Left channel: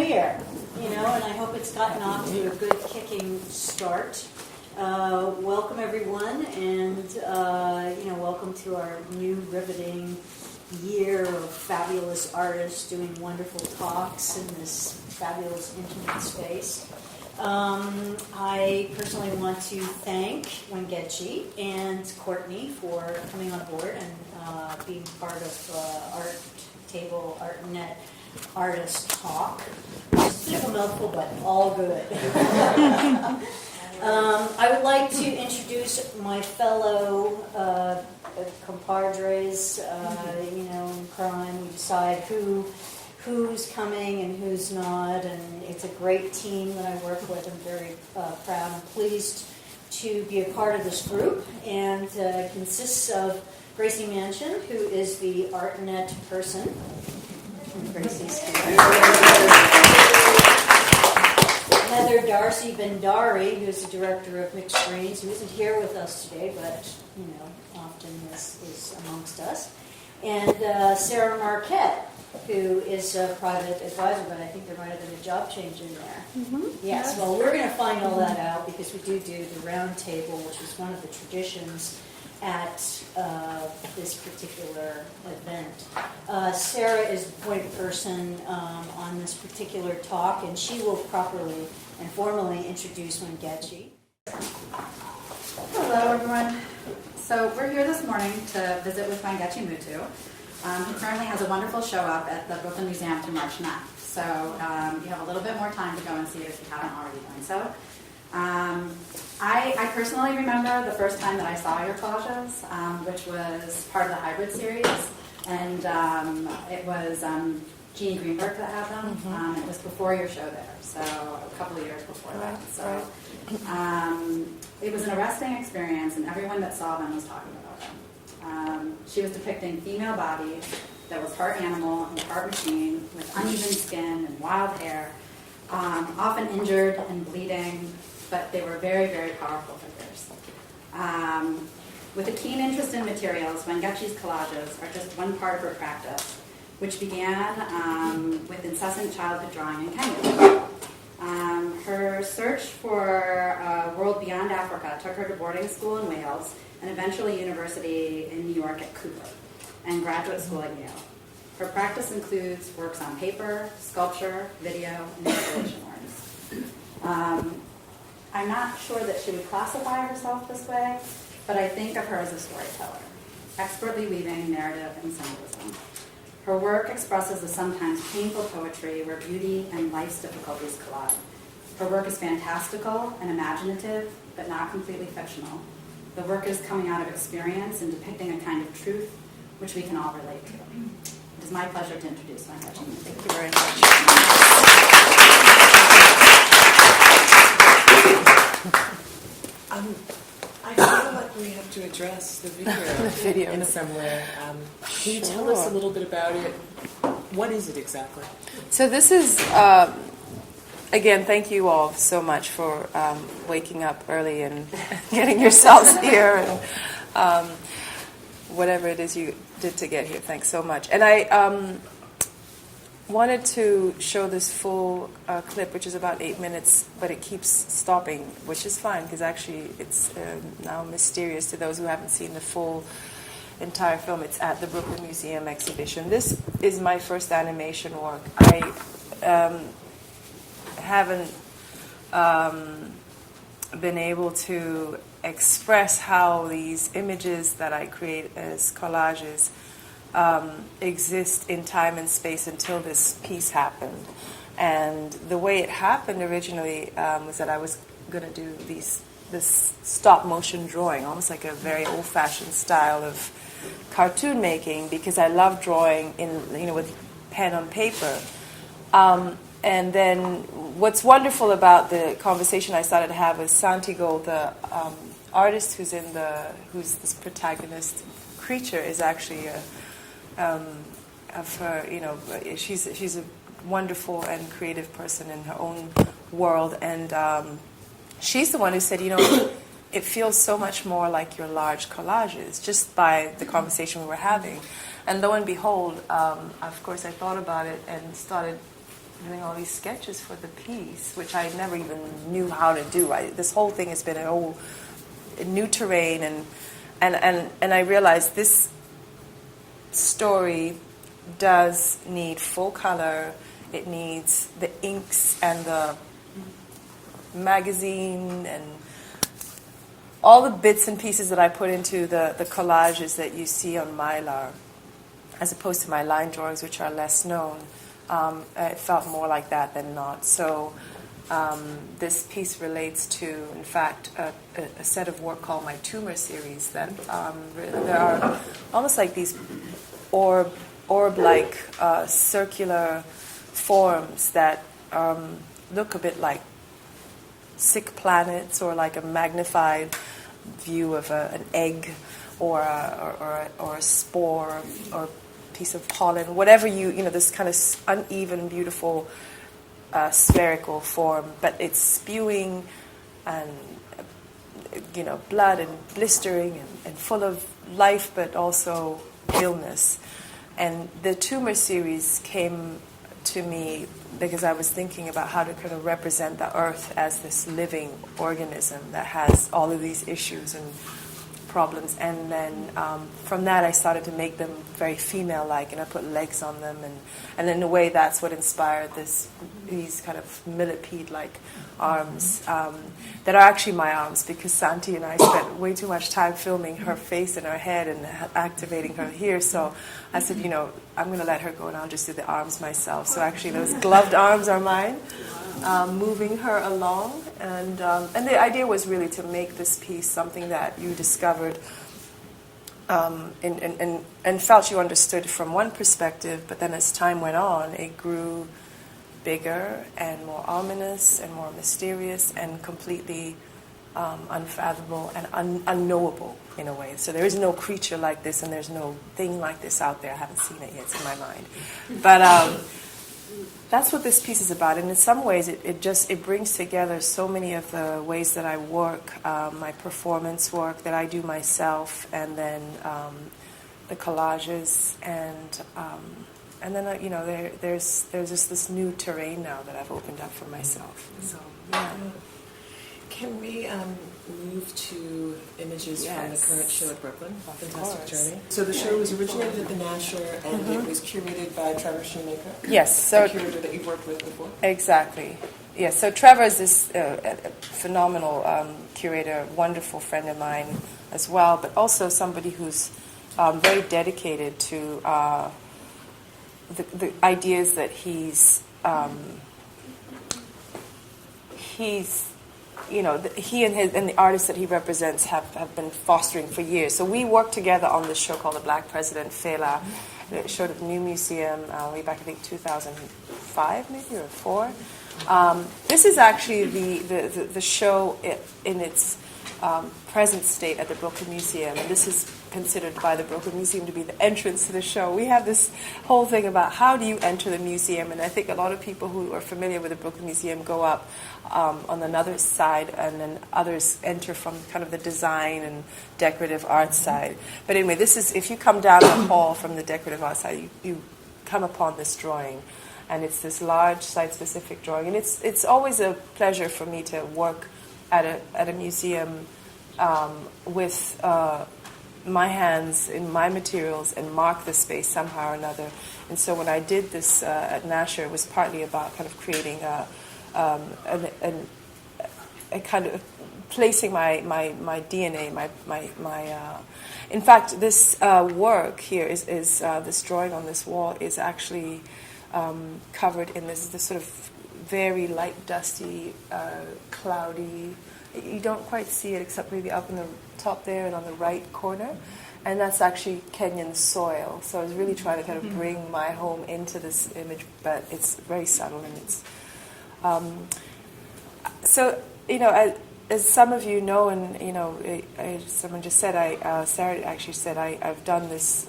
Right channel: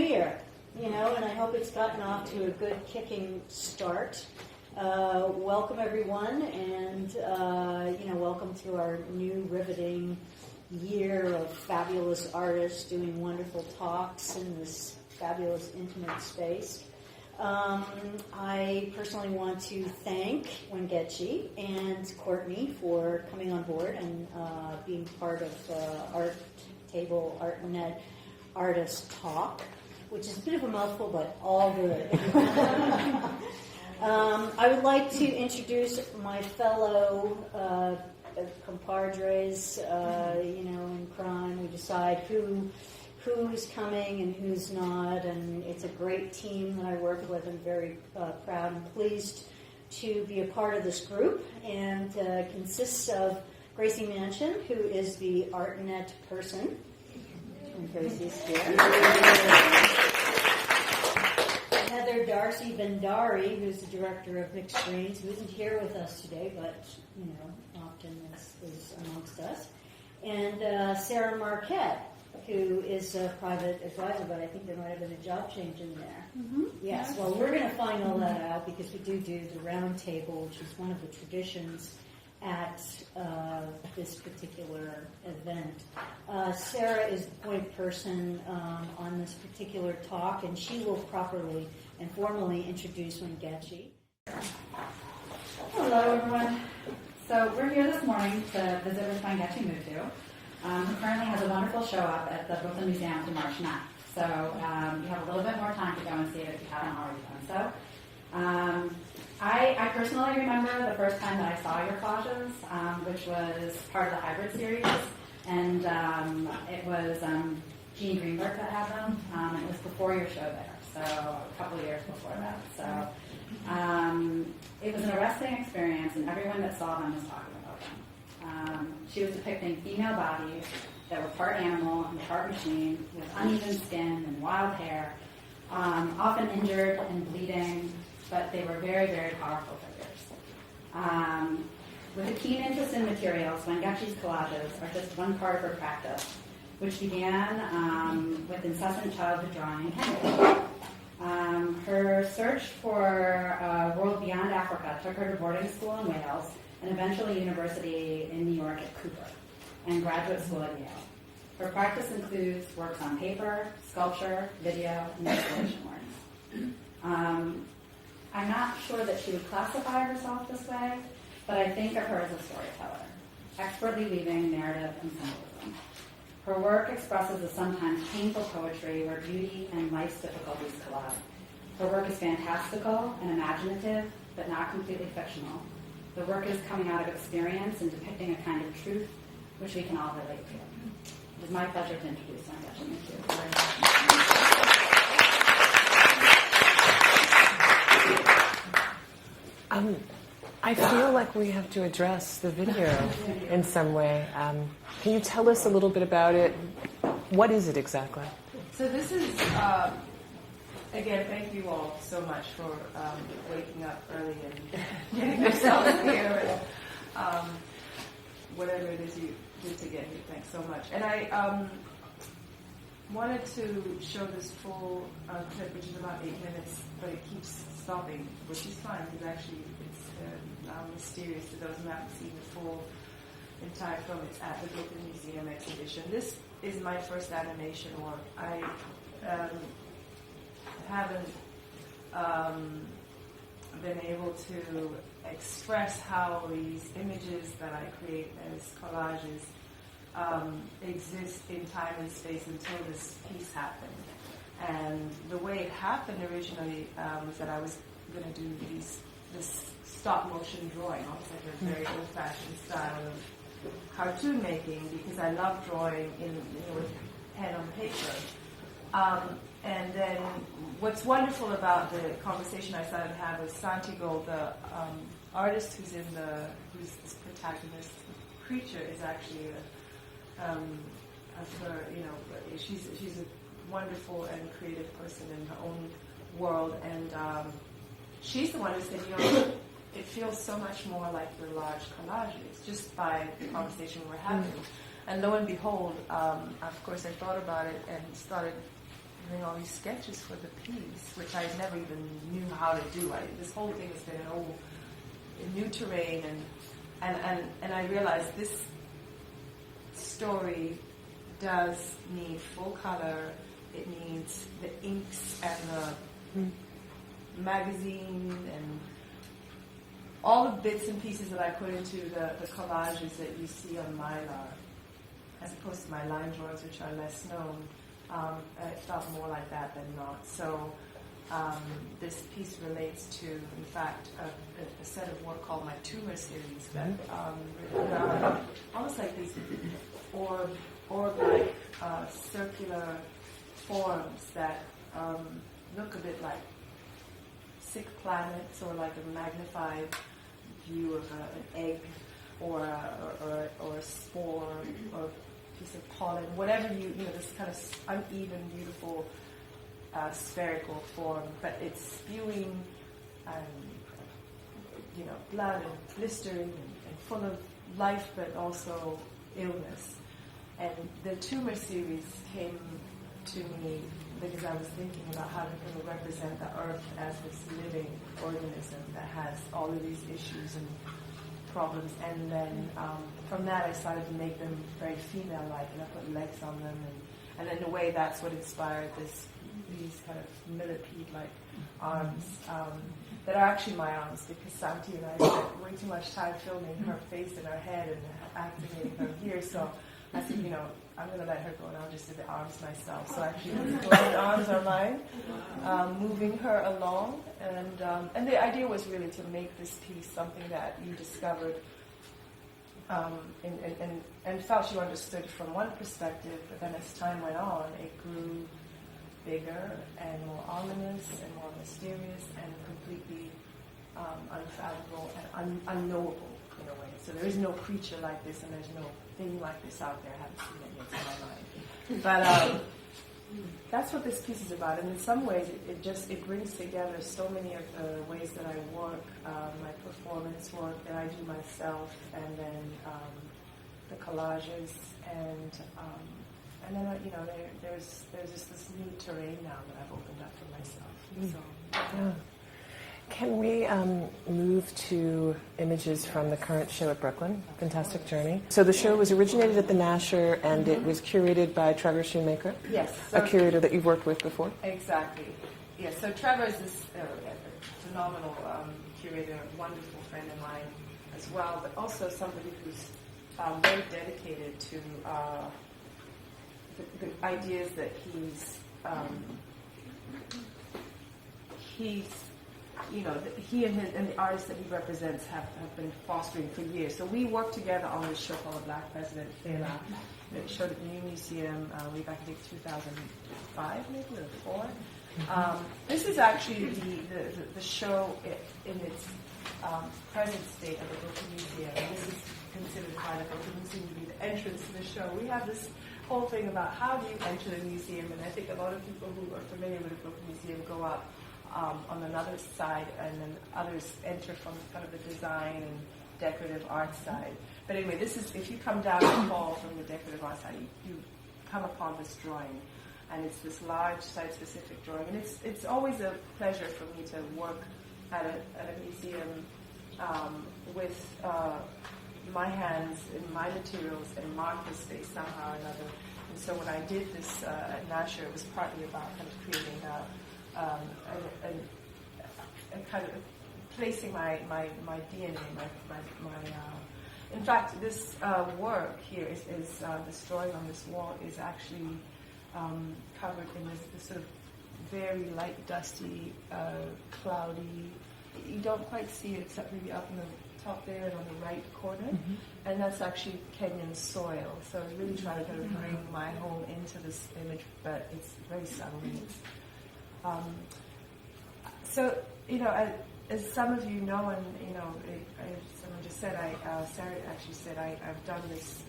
New Year, and I hope it's gotten off to a good kicking start. Welcome everyone, and welcome to our new riveting year of fabulous artists doing wonderful talks in this fabulous intimate space. I personally want to thank Wangechi and Courtney for coming on board and being part of artnet artist talk. It's a bit of a mouthful, but all good. I would like to introduce my fellow compadres. In crime, we decide who's coming and who's not, and it's a great team that I work with. I'm very proud and pleased to be a part of this group, and consists of Gracie Manchin, who is the artnet person. And Gracie's here. Heather Darcy Bendari, who's the director of Mixed Screens, who isn't here with us today, but often is amongst us. And Sarah Marquette, who is a private advisor, but I think there might have been a job change in there. Mm-hmm. Yes, well, we're going to find all that out because we do the round table, which is one of the traditions at this particular event. Sarah is the point person on this particular talk, and she will properly and formally introduce Wangechi. Hello, everyone. So we're here this morning to visit with Wangechi Mutu, who currently has a wonderful show up at the Brooklyn Museum to March 9th. So you have a little bit more time to go and see it if you haven't already done so. I personally remember the first time that I saw your collages, which was part of the hybrid series, and it was Jean Greenberg that had them. It was before your show there, so a couple of years before that. So it was an arresting experience, and everyone that saw them was talking about them. She was depicting female bodies that was part animal and part machine, with uneven skin and wild hair, often injured and bleeding, but they were very, very powerful figures. With a keen interest in materials, Wangechi's collages are just one part of her practice, which began with incessant childhood drawing in Kenya. Her search for a world beyond Africa took her to boarding school in Wales and eventually university in New York at Cooper and graduate school at Yale. Her practice includes works on paper, sculpture, video, and installation works. I'm not sure that she would classify herself this way, but I think of her as a storyteller, expertly weaving narrative and symbolism. Her work expresses a sometimes painful poetry where beauty and life's difficulties collide. Her work is fantastical and imaginative, but not completely fictional. The work is coming out of experience and depicting a kind of truth which we can all relate to. It is my pleasure to introduce Wangechi Mutu. Thank you very much. I feel like we have to address the video in some way. Can you tell us a little bit about it? What is it exactly? So this is, again, thank you all so much for waking up early and getting yourselves here. And, whatever it is you did to get here, thanks so much. And I wanted to show this full clip, which is about 8 minutes, but it keeps stopping, which is fine, because actually it's now mysterious to those who haven't seen the full entire film. It's at the Brooklyn Museum exhibition. This is my first animation work. I haven't been able to express how these images that I create as collages exist in time and space until this piece happened. And the way it happened originally was that I was going to do this stop motion drawing, almost like a very old-fashioned style of cartoon making, because I love drawing with pen on paper. And then what's wonderful about the conversation I started to have with Santiago, the artist who's this protagonist creature, is actually of her, she's a wonderful and creative person in her own world, and she's the one who said, it feels so much more like your large collages, just by the conversation we were having. And lo and behold, of course, I thought about it and started doing all these sketches for the piece, which I never even knew how to do. This whole thing has been a new terrain, and I realized this story does need full color. It needs the inks and the magazine and all the bits and pieces that I put into the collages that you see on Mylar, as opposed to my line drawings, which are less known. It felt more like that than not. So this piece relates to, in fact, a set of work called my Tumor series. That there are almost like these orb-like circular forms that look a bit like sick planets, or like a magnified view of an egg, or a spore, or a piece of pollen, whatever this kind of uneven, beautiful spherical form, but it's spewing and blood and blistering and full of life, but also illness. And the Tumor series came to me because I was thinking about how to kind of represent the earth as this living organism that has all of these issues and problems. And then from that I started to make them very female-like, and I put legs on them, and in a way that's what inspired these kind of millipede-like arms that are actually my arms, because Santi and I spent way too much time filming her face and her head and activating her here. So I said, I'm going to let her go and I'll just do the arms myself. So actually those gloved arms are mine, moving her along. And the idea was really to make this piece something that you discovered and felt you understood from one perspective, but then as time went on, it grew bigger and more ominous and more mysterious and completely unfathomable and unknowable in a way. So there is no creature like this, and there's no thing like this out there. I haven't seen it yet, it's in my mind. But that's what this piece is about. And in some ways, it brings together so many of the ways that I work, my performance work that I do myself, and then the collages, and then there's just this new terrain now that I've opened up for myself. So yeah. Can we move to images from the current show at Brooklyn, Fantastic Journey? So the show was originated at the Nasher, and it was curated by Trevor Shoemaker. Yes, so a curator that you've worked with before. Exactly. Yes. So Trevor is this phenomenal curator, wonderful friend of mine as well, but also somebody who's very dedicated to the ideas that he and the artists that he represents have been fostering for years. So we worked together on this show called The Black President, Fela. It showed at the New Museum way back, I think, 2005 maybe, or 2004. This is actually the show in its present state at the Brooklyn Museum. And this is considered by the Brooklyn Museum to be the entrance to the show. We have this whole thing about how do you enter the museum, and I think a lot of people who are familiar with the Brooklyn Museum go up on another side, and then others enter from kind of the design and decorative art side. But anyway, this is, if you come down the hall from the decorative art side, you come upon this drawing, and it's this large site-specific drawing, and it's always a pleasure for me to work at a museum with my hands in my materials and mark the space somehow or another. And so when I did this at Nasher, it was partly about kind of creating a kind of placing my DNA, in fact, this work here is this drawing on this wall is actually covered in this sort of very light, dusty, cloudy. You don't quite see it except maybe up in the top there and on the right corner, and that's actually Kenyan soil. So I was really trying to kind of bring my home into this image, but it's very subtle, and it's so as some of you know, and someone just said, Sarah actually said, I've done this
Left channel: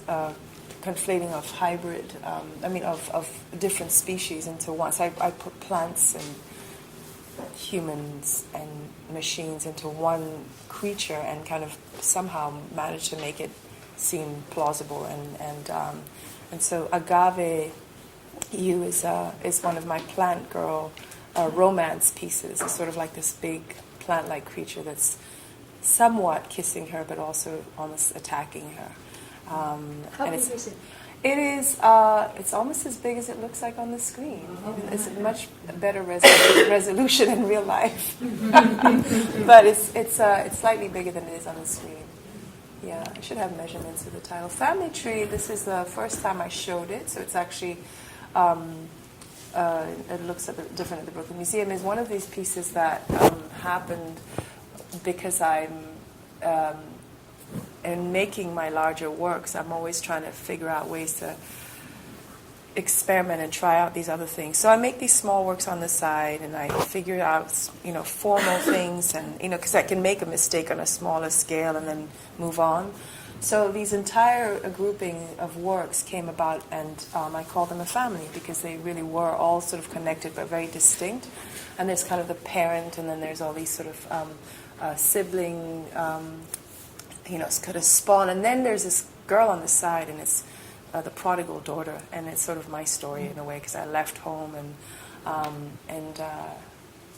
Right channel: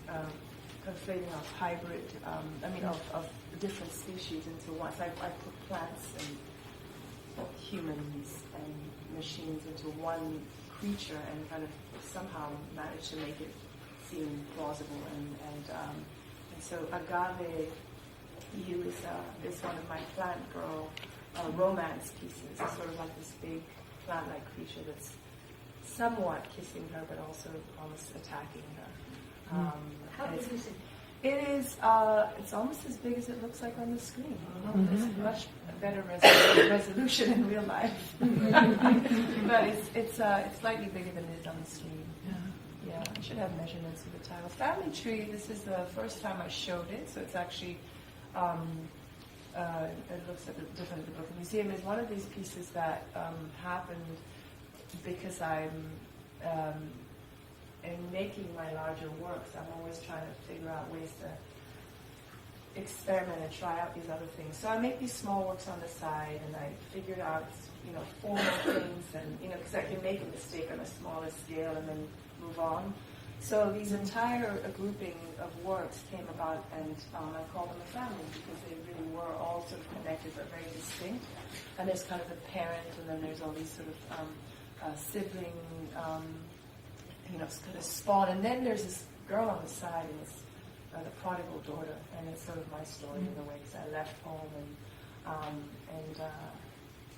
conflating of hybrid, of different species into one. So I put plants and humans and machines into one creature and kind of somehow managed to make it seem plausible. And so agave You is one of my plant girl romance pieces. It's sort of like this big plant-like creature that's somewhat kissing her, but also almost attacking her. How big is it? It is. It's almost as big as it looks like on the screen. It's a much better resolution in real life, but it's slightly bigger than it is on the screen. Yeah, I should have measurements of the title. Family Tree. This is the first time I showed it, so it's actually. It looks a bit different at the Brooklyn Museum. Is one of these pieces that happened because I'm. In making my larger works, I'm always trying to figure out ways to experiment and try out these other things. So I make these small works on the side, and I figure out, formal things, and because I can make a mistake on a smaller scale and then move on. So these entire grouping of works came about, and I call them a family because they really were all sort of connected but very distinct. And there's kind of the parent, and then there's all these sort of sibling. It's kind of spawn, and then there's this girl on the side, and it's the prodigal daughter, and it's sort of my story in a way because I left home and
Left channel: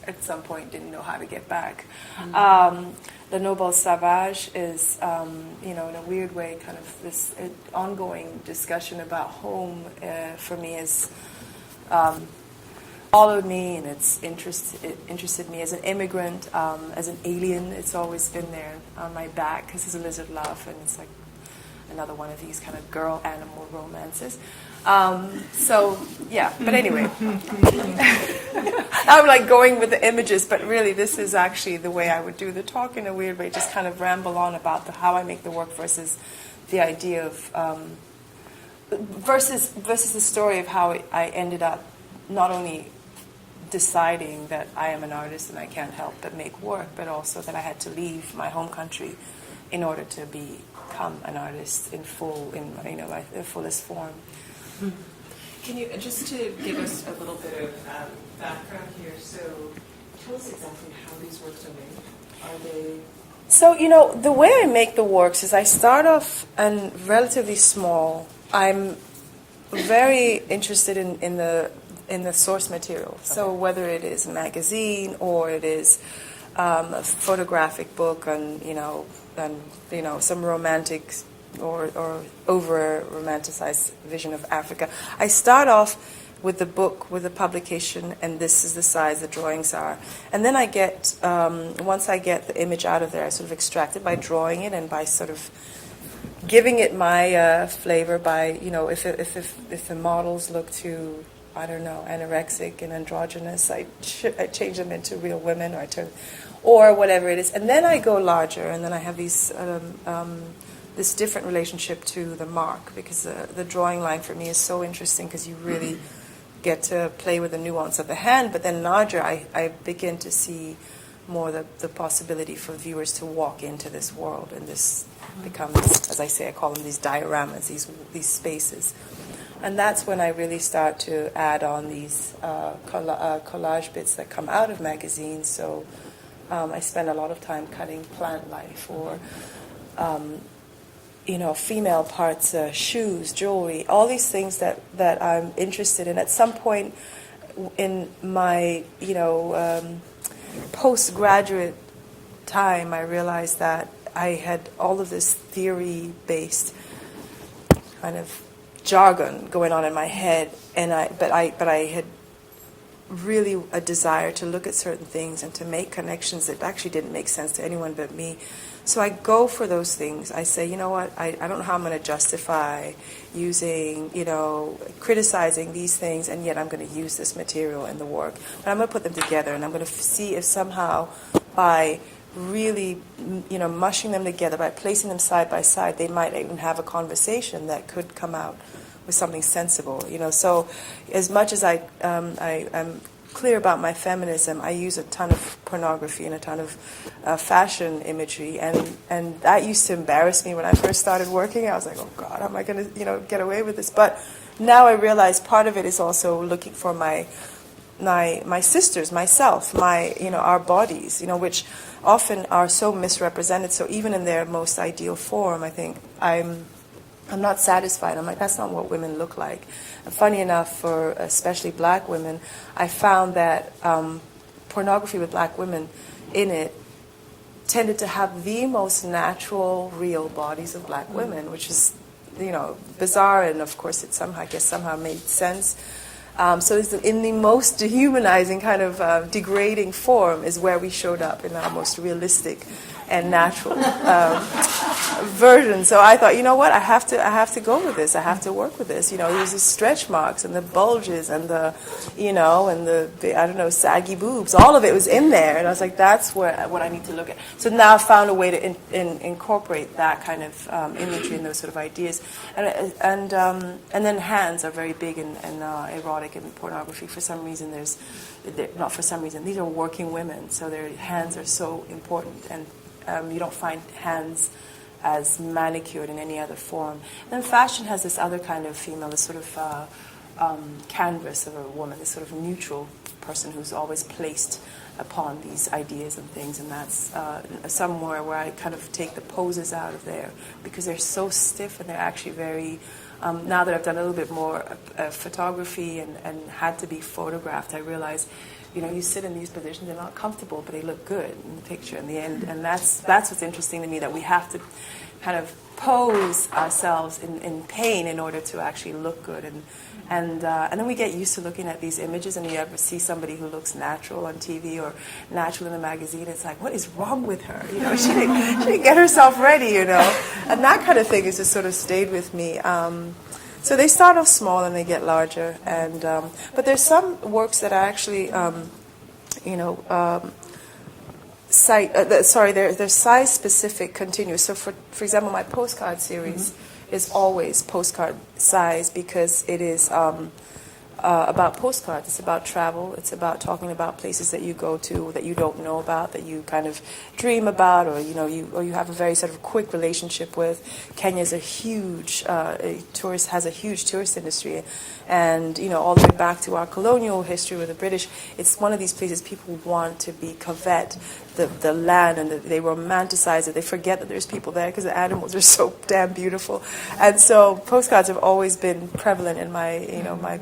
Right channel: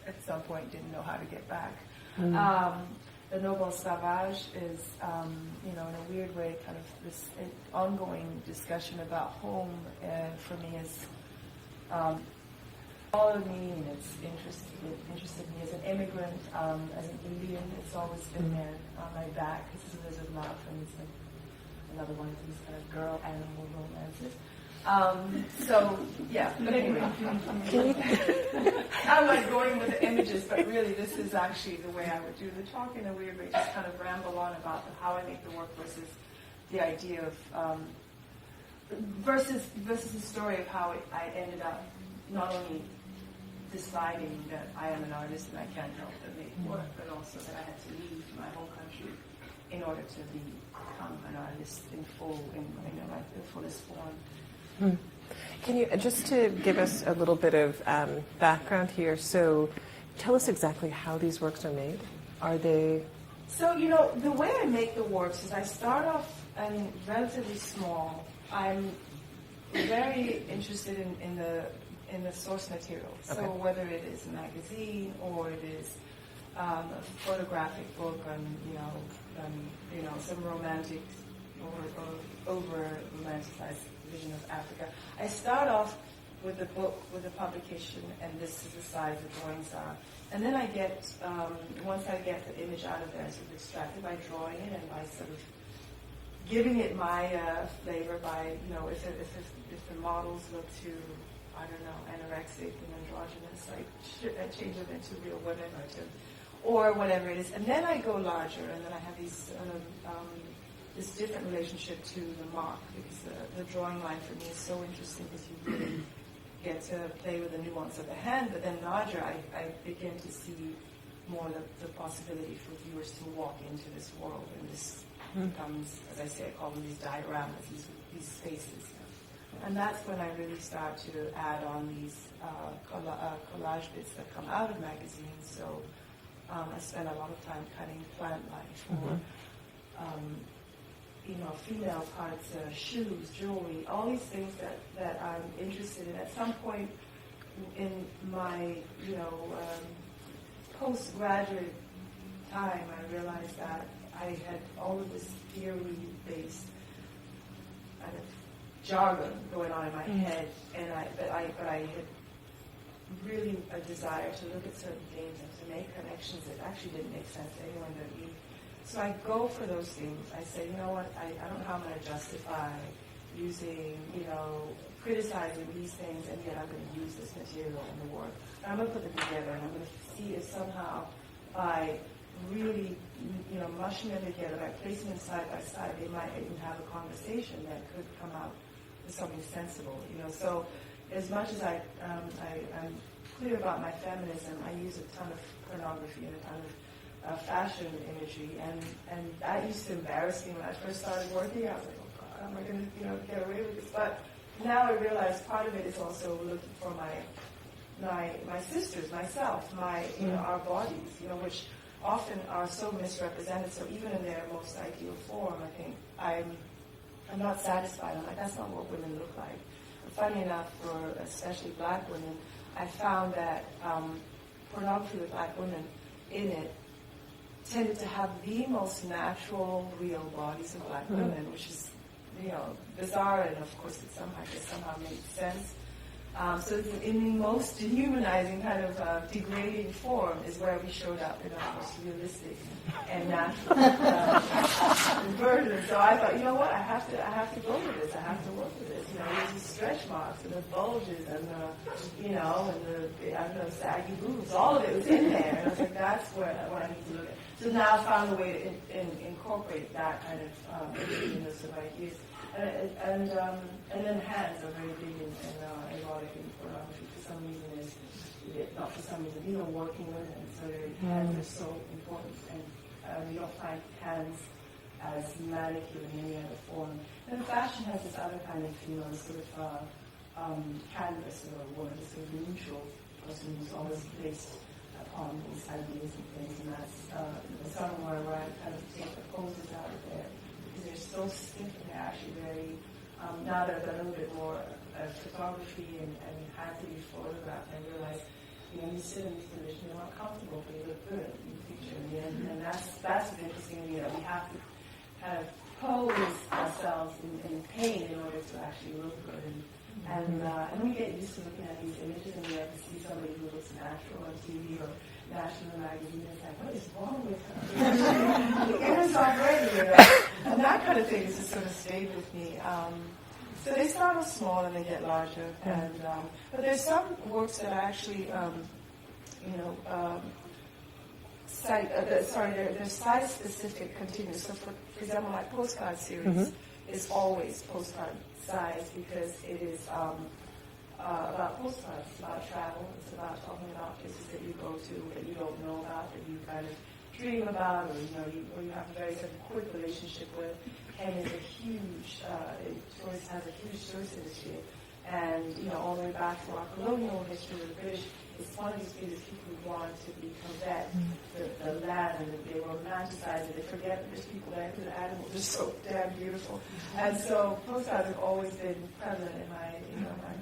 at some point didn't know how to get back. The Noble Sauvage is, in a weird way, kind of this ongoing discussion about home for me is followed me, and it interested me as an immigrant, as an alien. It's always been there on my back because it's a lizard love, and it's like another one of these kind of girl-animal romances. But anyway, I'm like going with the images, but really this is actually the way I would do the talk in a weird way, just kind of ramble on about how I make the work versus the idea of, versus the story of how I ended up not only deciding that I am an artist and I can't help but make work, but also that I had to leave my home country in order to become an artist in the fullest form. Can you, just to give us a little bit of background here, so tell us exactly how these works are made. Are they... So, the way I make the works is I start off and relatively small. I'm very interested in the source material. So whether it is a magazine or it is a photographic book and some romantic or over romanticized vision of Africa, I start off with the book, with the publication, and this is the size the drawings are. And then I get, once I get the image out of there, I sort of extract it by drawing it and by sort of giving it my flavor by, if the models look too, I don't know, anorexic and androgynous, I change them into real women or whatever it is. And then I go larger, and then I have these this different relationship to the mark, because the drawing line for me is so interesting because you really get to play with the nuance of the hand. But then larger, I begin to see more the possibility for viewers to walk into this world, and this becomes, as I say, I call them these dioramas, these spaces. And that's when I really start to add on these collage bits that come out of magazines. So I spend a lot of time cutting plant life or, female parts, shoes, jewelry, all these things that I'm interested in. At some point in my, postgraduate time, I realized that I had all of this theory-based kind of jargon going on in my head, but I had really a desire to look at certain things and to make connections that actually didn't make sense to anyone but me. So I go for those things. I say, you know what, I don't know how I'm going to justify using, criticizing these things, and yet I'm going to use this material in the work. But I'm going to put them together, and I'm going to see if somehow by really, mushing them together, by placing them side by side, they might even have a conversation that could come out with something sensible. So as much as I'm clear about my feminism, I use a ton of pornography and a ton of fashion imagery, and that used to embarrass me when I first started working. I was like, oh God, how am I going to get away with this? But now I realize part of it is also looking for my sisters, myself, our bodies, which often are so misrepresented. So even in their most ideal form, I think I'm I'm not satisfied. I'm like, that's not what women look like. And funny enough, for especially black women, I found that pornography with black women in it tended to have the most natural, real bodies of black women, which is, bizarre, and of course it somehow made sense. So it's in the most dehumanizing kind of degrading form is where we showed up in our most realistic and natural version. So I thought, you know what, I have to go with this. I have to work with this. There's these stretch marks and the bulges and the, and the I don't know, saggy boobs. All of it was in there, and I was like, that's what I need to look at. So now I've found a way to incorporate that kind of imagery and those sort of ideas. And then hands are very big in erotic and pornography. For some reason, not for some reason, these are working women, so their hands are so important, and you don't find hands as manicured in any other form. And then fashion has this other kind of female, this sort of canvas of a woman, this sort of neutral person who's always placed upon these ideas and things, and that's somewhere where I kind of take the poses out of there, because they're so stiff and they're actually very... now that I've done a little bit more photography and had to be photographed, I realize, you sit in these positions, they're not comfortable, but they look good in the picture in the end. And that's what's interesting to me, that we have to kind of pose ourselves in pain in order to actually look good. And then we get used to looking at these images, and you ever see somebody who looks natural on TV or natural in a magazine, it's like, what is wrong with her? She didn't get herself ready, And that kind of thing has just sort of stayed with me. So they start off small and they get larger, but there's some works that are actually, they're size-specific, continuous. So for example, my Postcard series is always postcard size, because it is about postcards. It's about travel. It's about talking about places that you go to that you don't know about, that you kind of dream about, or you have a very sort of quick relationship with. Kenya's a huge has a huge tourist industry, and all the way back to our colonial history with the British, it's one of these places people want to covet the land, and they romanticize it. They forget that there's people there because the animals are so damn beautiful, and so postcards have always been prevalent in my my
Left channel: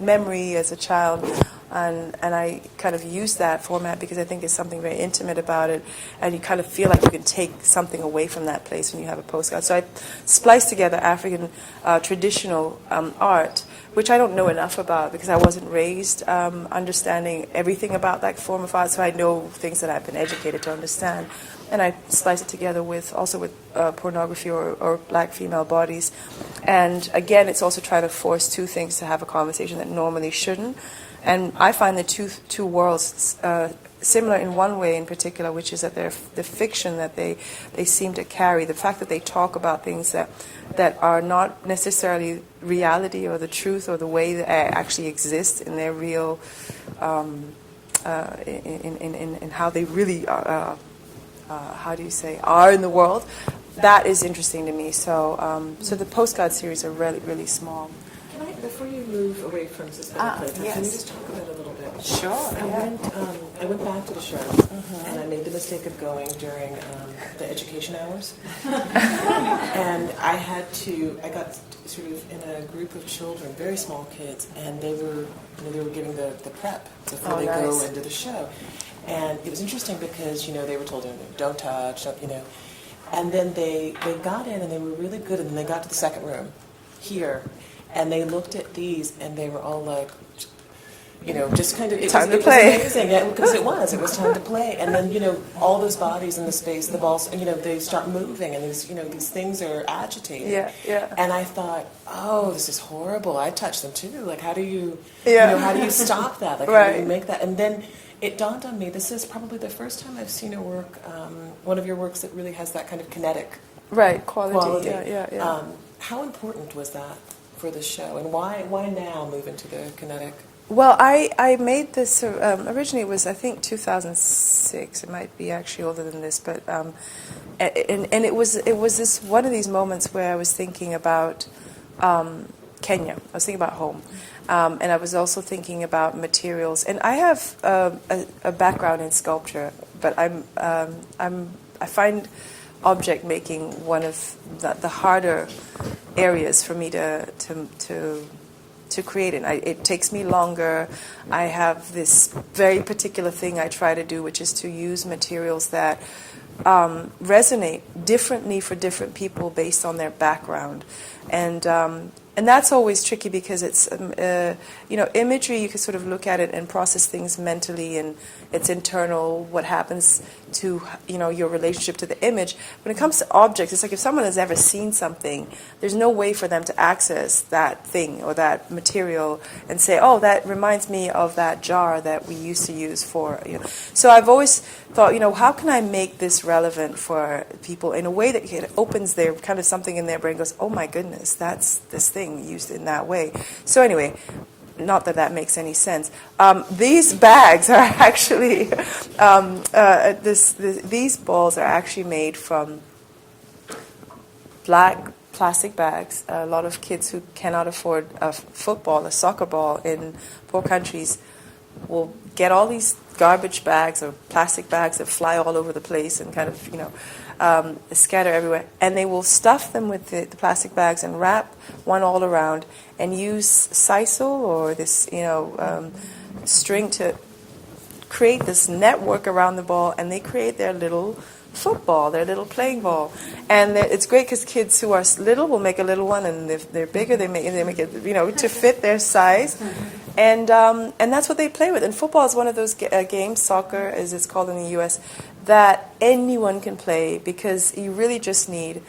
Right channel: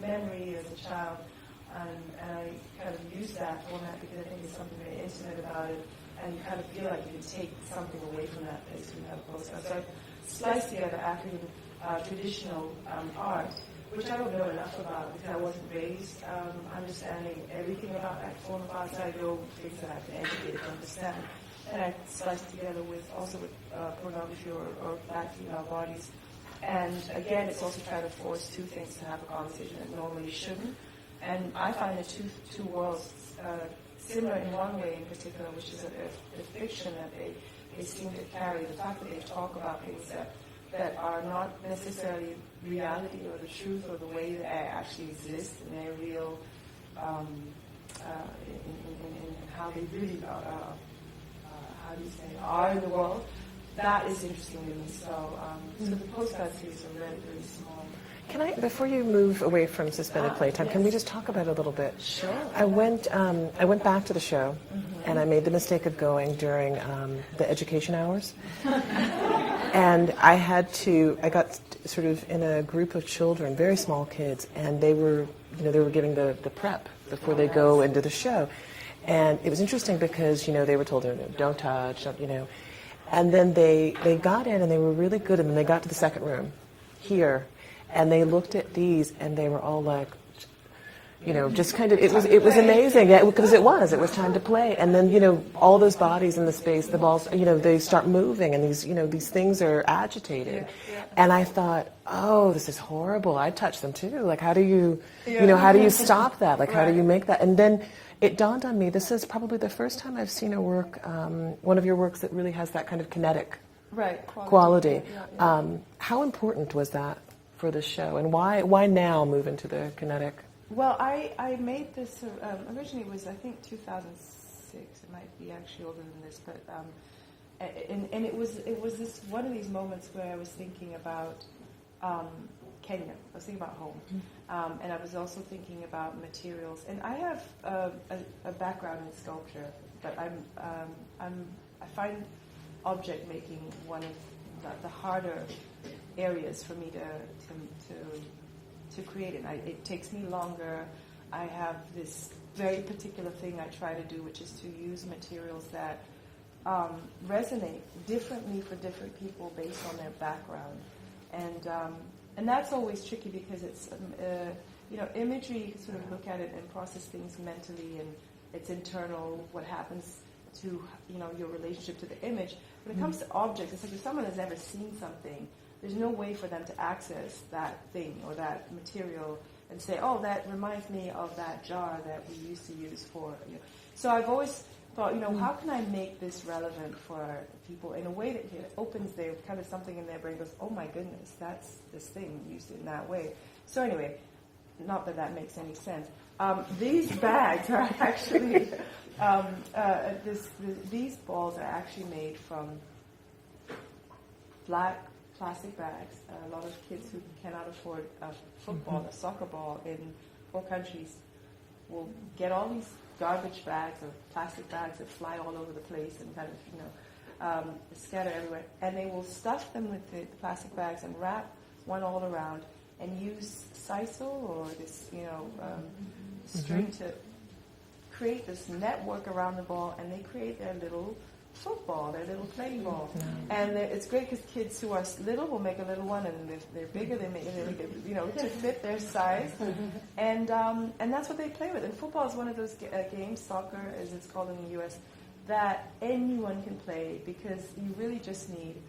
memory as a child, and I kind of use that format because I think there's something very intimate about it, and you kind of feel like you can take something away from that place when you have a postcard. So I splice together African traditional art, which I don't know enough about because I wasn't raised understanding everything about that form of art, so I know things that I've been educated to understand. And I splice it together with pornography or black female bodies. And again, it's also trying to force two things to have a conversation that normally shouldn't. And I find the two worlds similar in one way in particular, which is that the fiction that they seem to carry, the fact that they talk about things that are not necessarily reality or the truth or the way that actually exist in their real, in how they really are in the world. That is interesting to me. So the Postcard series are really, really small. Can I, before you move away from suspended playtime, yes. can we just talk about it a little bit? Sure. I went back to the show, and I made the mistake of going during the education hours, and I got sort of in a group of children, very small kids, and they were giving the prep before they go into the show. And it was interesting because, they were told, don't touch, and then they got in and they were really good, and then they got to the second room here, and they looked at these and they were all like, just kind of, it was amazing, yeah, because it was time to play. And then, all those bodies in the space, the balls, they start moving, and these things are agitated. Yeah, yeah. And I thought, oh, this is horrible. I touched them too. Like, how do you how do you stop that? Like, right. How do you make that? And then it dawned on me, this is probably the first time I've seen a work, one of your works that really has that kind of kinetic quality. Yeah. How important was that for the show, and why now move into the kinetic? Well, I made this, originally it was, I think, 2006. It might be actually older than this, but, and it was this one of these moments where I was thinking about Kenya. I was thinking about home. And I was also thinking about materials. And I have a background in sculpture, but I find object making one of the harder areas for me to create it. It takes me longer. I have this very particular thing I try to do, which is to use materials that resonate differently for different people based on their background. And that's always tricky because it's, imagery, you can sort of look at it and process things mentally, and it's internal, what happens to, your relationship to the image. When it comes to objects, it's like if someone has ever seen something, there's no way for them to access that thing or that material and say, oh, that reminds me of that jar that we used to use for, So I've always thought, how can I make this relevant for people in a way that it opens their kind of something in their brain, goes, oh my goodness, that's this thing used in that way. So anyway, not that that makes any sense. These bags are actually, these balls are actually made from black plastic bags. A lot of kids who cannot afford a soccer ball in poor countries will get all these garbage bags or plastic bags that fly all over the place and kind of, scatter everywhere. And they will stuff them with the plastic bags and wrap one all around and use sisal or this, string to create this network around the ball, and they create their little football, their little playing ball. And it's great because kids who are little will make a little one, and if they're bigger, they make it, to fit their size. And that's what they play with. And football is one of those games, soccer as it's called in the U.S., that anyone can play because you really just need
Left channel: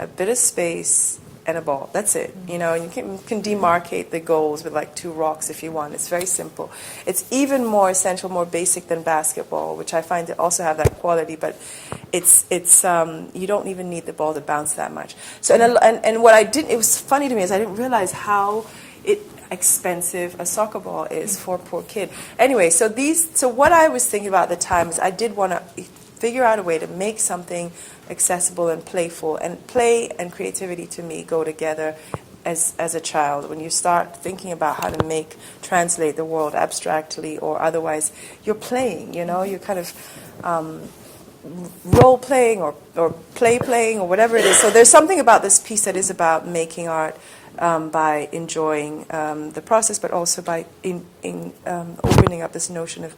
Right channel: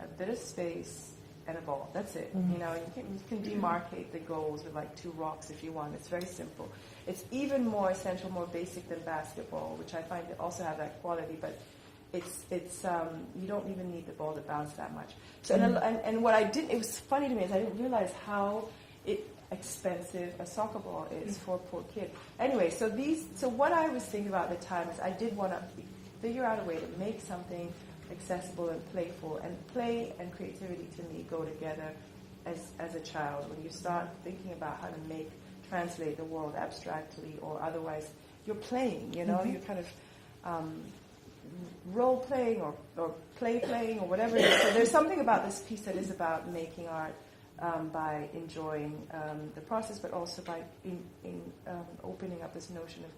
a bit of space and a ball. That's it. And you can demarcate the goals with like 2 rocks if you want. It's very simple. It's even more essential, more basic than basketball, which I find to also have that quality. But it's you don't even need the ball to bounce that much. So and what I didn't, it was funny to me, is I didn't realize how expensive a soccer ball is for a poor kid. Anyway, so what I was thinking about at the time is I did want to figure out a way to make something accessible and playful, and play and creativity to me go together as a child. When you start thinking about how to translate the world abstractly or otherwise, you're playing, you're kind of role playing or playing or whatever it is. So there's something about this piece that is about making art by enjoying the process, but also by opening up this notion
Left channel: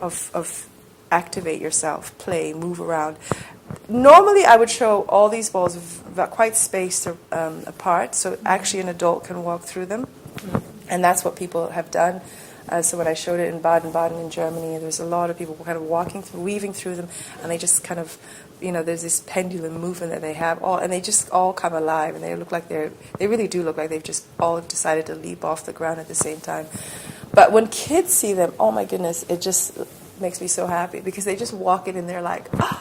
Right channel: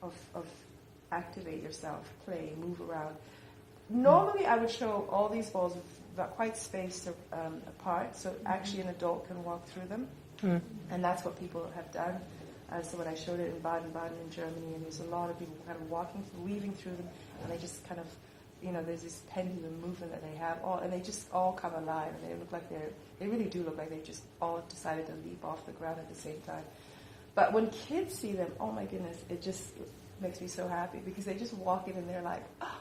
of activate yourself, play, move around. Normally, I would show all these balls quite spaced apart, so actually an adult can walk through them, and that's what people have done. So when I showed it in Baden-Baden in Germany, there's a lot of people kind of weaving through them, and they just kind of, there's this pendulum movement that they have, and they just all come alive, and they look like they really do look like they've just all decided to leap off the ground at the same time. But when kids see them, oh my goodness, it just makes me so happy, because they just walk in and they're like, oh,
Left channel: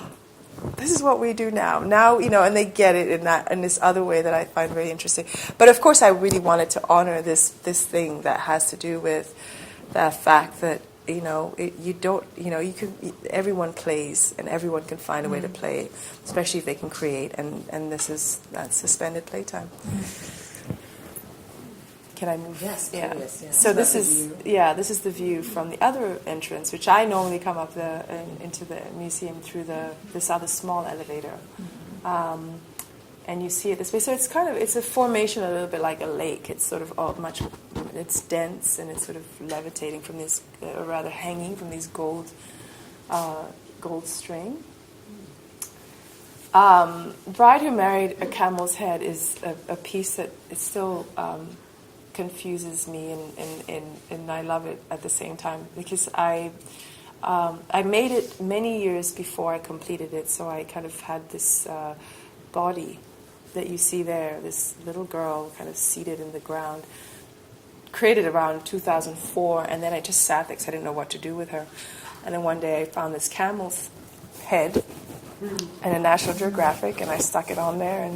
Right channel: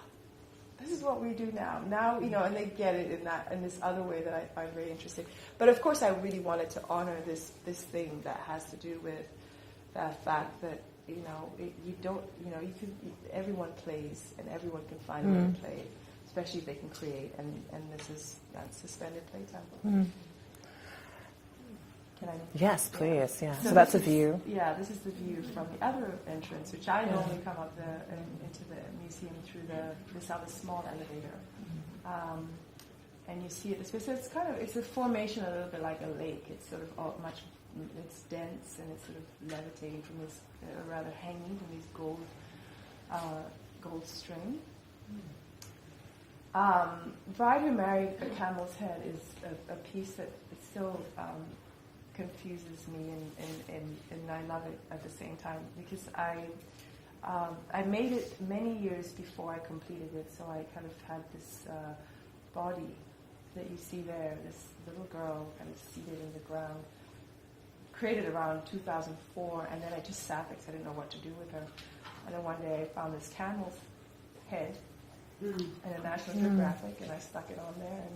this is what we do now, and they get it in this other way that I find very interesting. But of course, I really wanted to honor this thing that has to do with the fact that everyone plays and everyone can find a way to play, especially if they can create, and that's suspended playtime. Can I move? Yes, please. Yeah. So that's this the is view. Yeah, this is the view from the other entrance, which I normally come up into the museum through this other small elevator, and you see it this way. So it's a formation a little bit like a lake. It's sort of it's dense, and it's sort of levitating from this, or rather hanging from these gold string. Bride Who Married a Camel's Head is a piece that it still confuses me, and I love it at the same time, because I made it many years before I completed it, so I kind of had this body that you see there, this little girl kind of seated in the ground, created around 2004, and then I just sat there because I didn't know what to do with her. And then one day I found this camel's head in a National Geographic, and I stuck it on there,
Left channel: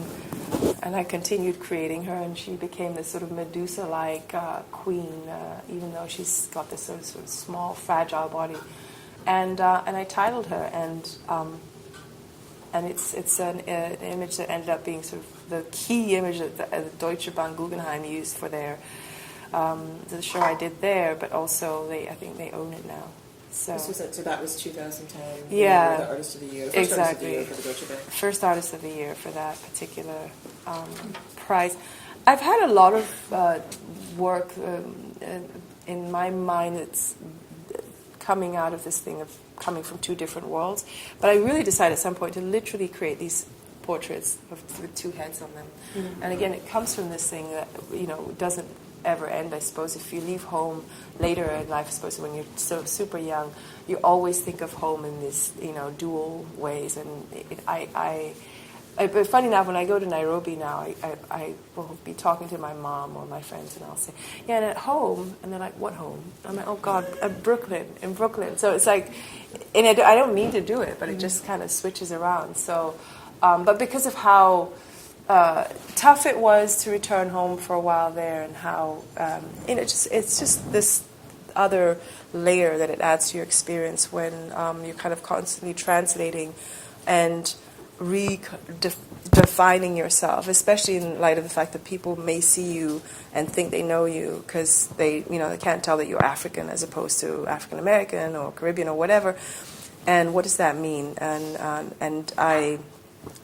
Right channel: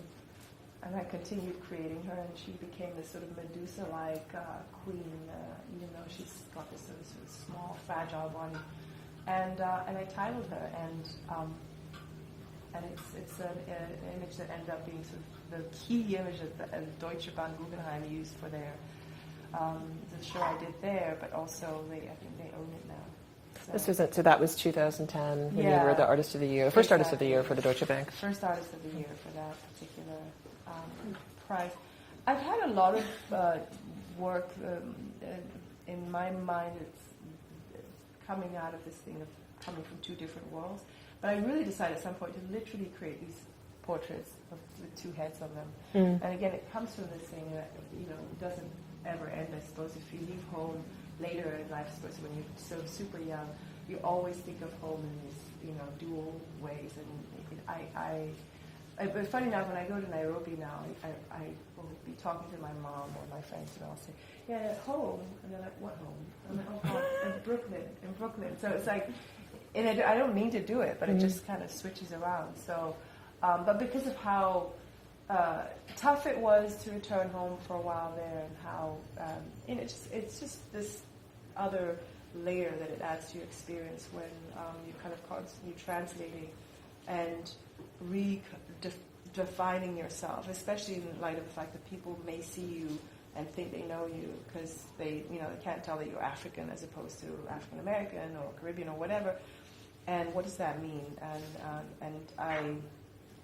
and I continued creating her, and she became this sort of Medusa-like queen, even though she's got this sort of small, fragile body. And I titled her, and it's an image that ended up being sort of the key image that the Deutsche Bank Guggenheim used for their the show I did there, but also I think they own it now. So that was 2010. Yeah, you were the Artist of the Year, first exactly. Artist of the Year for the Deutsche Bank. First Artist of the Year for that particular prize. I've had a lot of work in my mind. It's coming out of this thing of coming from two different worlds. But I really decided at some point to literally create these portraits with two heads on them. And again, it comes from this thing that, doesn't ever end, I suppose. If you leave home later in life, I suppose when you're sort of super young, you always think of home in these, dual ways. And but funny enough, when I go to Nairobi now, I will be talking to my mom or my friends, and I'll say, yeah, and at home, and they're like, what home? I'm like, oh God, in Brooklyn. So it's like, and I don't mean to do it, but it just kind of switches around. So, but because of how tough it was to return home for a while there, and how, it's just this other layer that it adds to your experience when you're kind of constantly translating and redefining yourself, especially in light of the fact that people may see you and think they know you because they can't tell that you're African as opposed to African American or Caribbean or whatever. And what does that mean? And I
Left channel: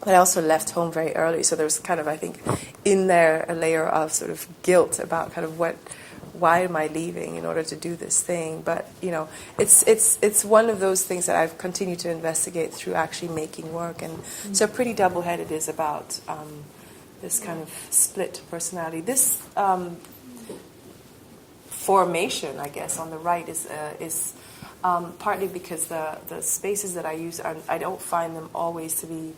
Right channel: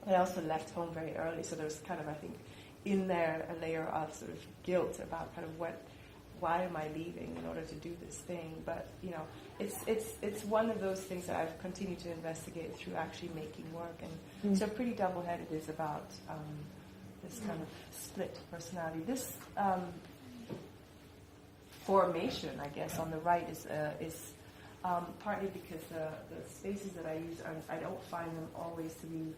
also left home very early, so there was kind of, I think, in there a layer of sort of guilt about kind of why am I leaving in order to do this thing? But it's one of those things that I've continued to investigate through actually making work, and so pretty double-headed is about this kind of split personality. This formation, I guess, on the right is partly because the spaces that I use I don't find them always to be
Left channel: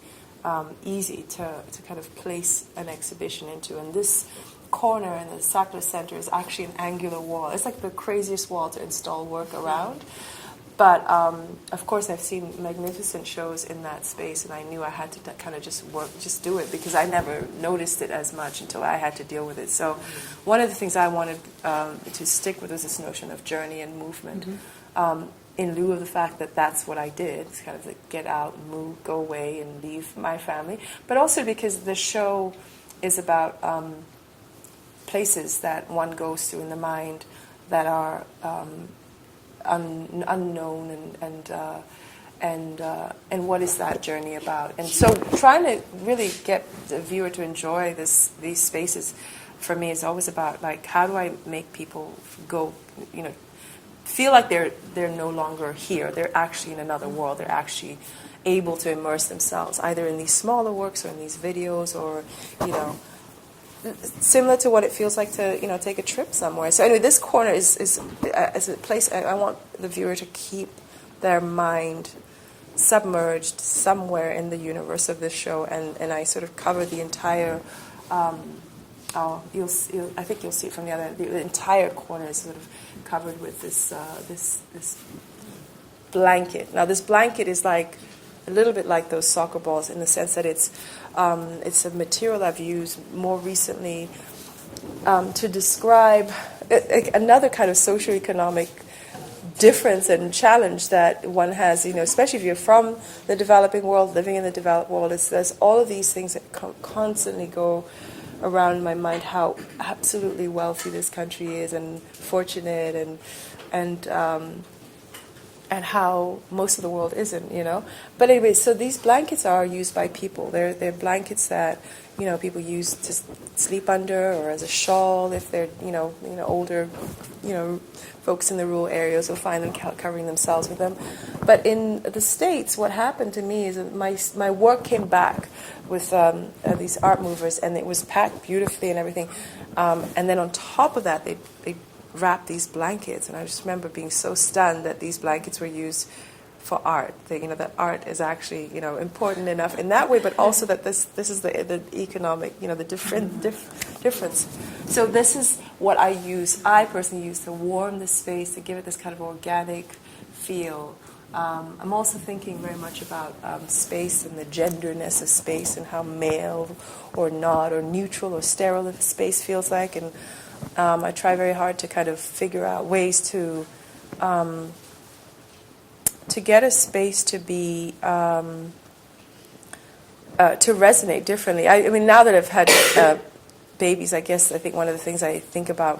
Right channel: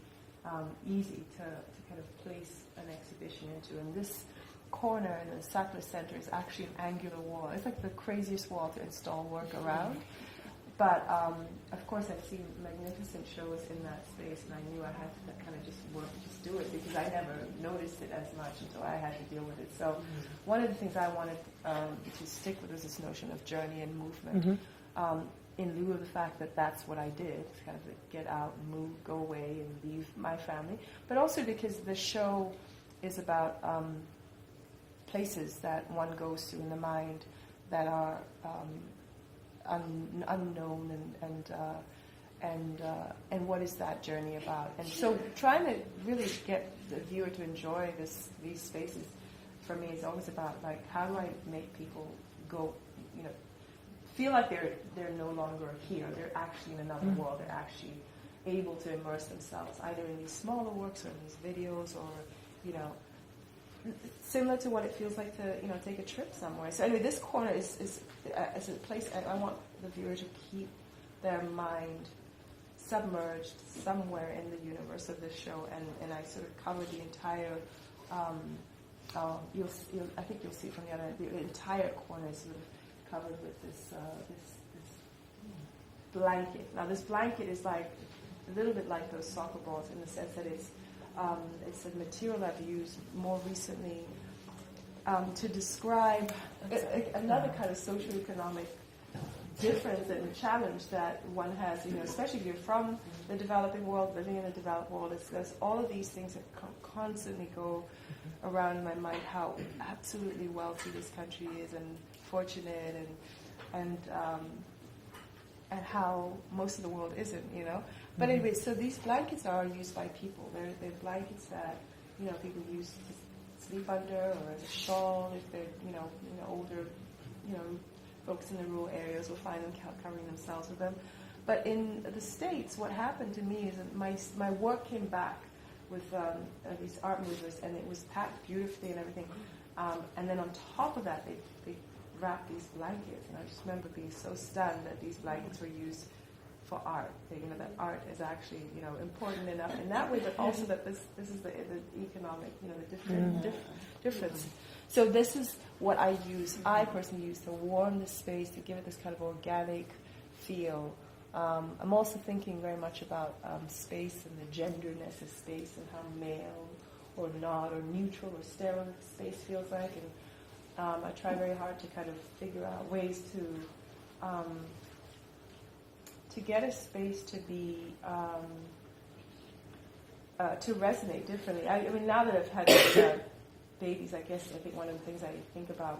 easy to kind of place an exhibition into, and this corner in the Sackler Center is actually an angular wall. It's like the craziest wall to install work around. But of course, I've seen magnificent shows in that space, and I knew I had to kind of just do it, because I never noticed it as much until I had to deal with it. So one of the things I wanted to stick with was this notion of journey and movement, in lieu of the fact that that's what I did. It's kind of like get out, move, go away, and leave my family. But also because the show is about places that one goes to in the mind that are unknown, and what is that journey about? And so trying to really get the viewer to enjoy these spaces, for me, is always about, like, how do I make people go, feel like they're no longer here. They're actually in another world. They're actually able to immerse themselves either in these smaller works or in these videos, or similar to what it feels like to take a trip somewhere. So anyway, this corner is a place I want the viewer to keep their mind submerged somewhere in the universe of this show, and I sort of cover the entire. I think you'll see it from the entire corner is sort of covered with this blanket. Now this blanket is like a little bit like those soccer balls in the sense that it's a material I've used more recently to describe another kind of socioeconomic difference and challenge that one has, especially if you're from the developing world, living in the developed world. There's all of these things that constantly go around in my mind, how absolutely wealthy this country is and fortunate, and how most of the world isn't, But anyway, so these blankets are used by people. They're blankets that, people use to sleep under, or as a shawl if they're, older, folks in the rural areas will find them covering themselves with them. But in the States, what happened to me is that my work came back with these art movers, and it was packed beautifully and everything. And then on top of that, they wrap these blankets, and I just remember being so stunned that these blankets were used for art. That art is actually important enough in that way, but also that this is the economic the difference. So this is what I personally use to warm the space, to give it this kind of organic feel. I'm also thinking very much about space and the genderness of space, and how male or not, or neutral or sterile the space feels like, and I try very hard to kind of figure out ways to get a space to be to resonate differently. I mean, now that I've had babies, I think one of the things I think about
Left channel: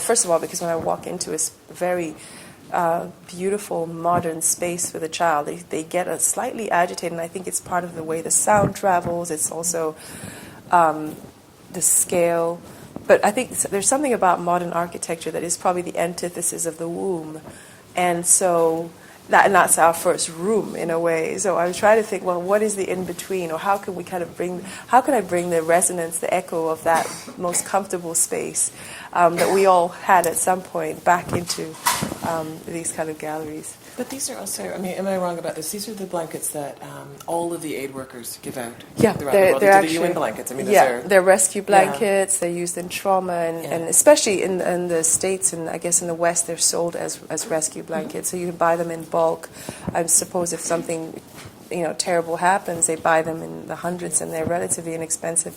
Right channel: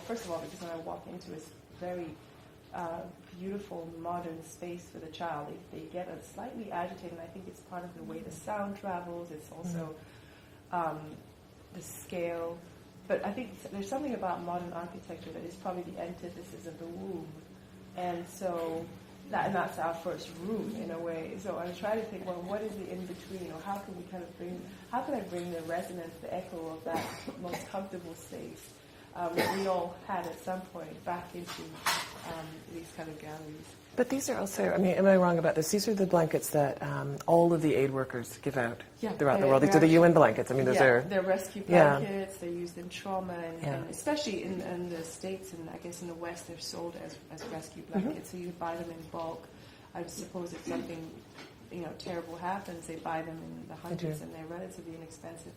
first of all, because when I walk into a very beautiful modern space with a child, they get slightly agitated, and I think it's part of the way the sound travels. It's also the scale. But I think there's something about modern architecture that is probably the antithesis of the womb. And so and that's our first room in a way. So I was trying to think, well, what is the in-between? Or how can I bring the resonance, the echo of that most comfortable space that we all had at some point back into these kind of galleries. But these are also, I mean, am I wrong about this? These are the blankets that all of the aid workers give out Yeah, throughout the world. These are the UN blankets. I mean, they're rescue blankets. They're used in trauma, and especially in the States and I guess in the West, they're sold as rescue blankets. So you can buy them in bulk. I suppose if something terrible happens, they buy them in the hundreds, and they're relatively inexpensive.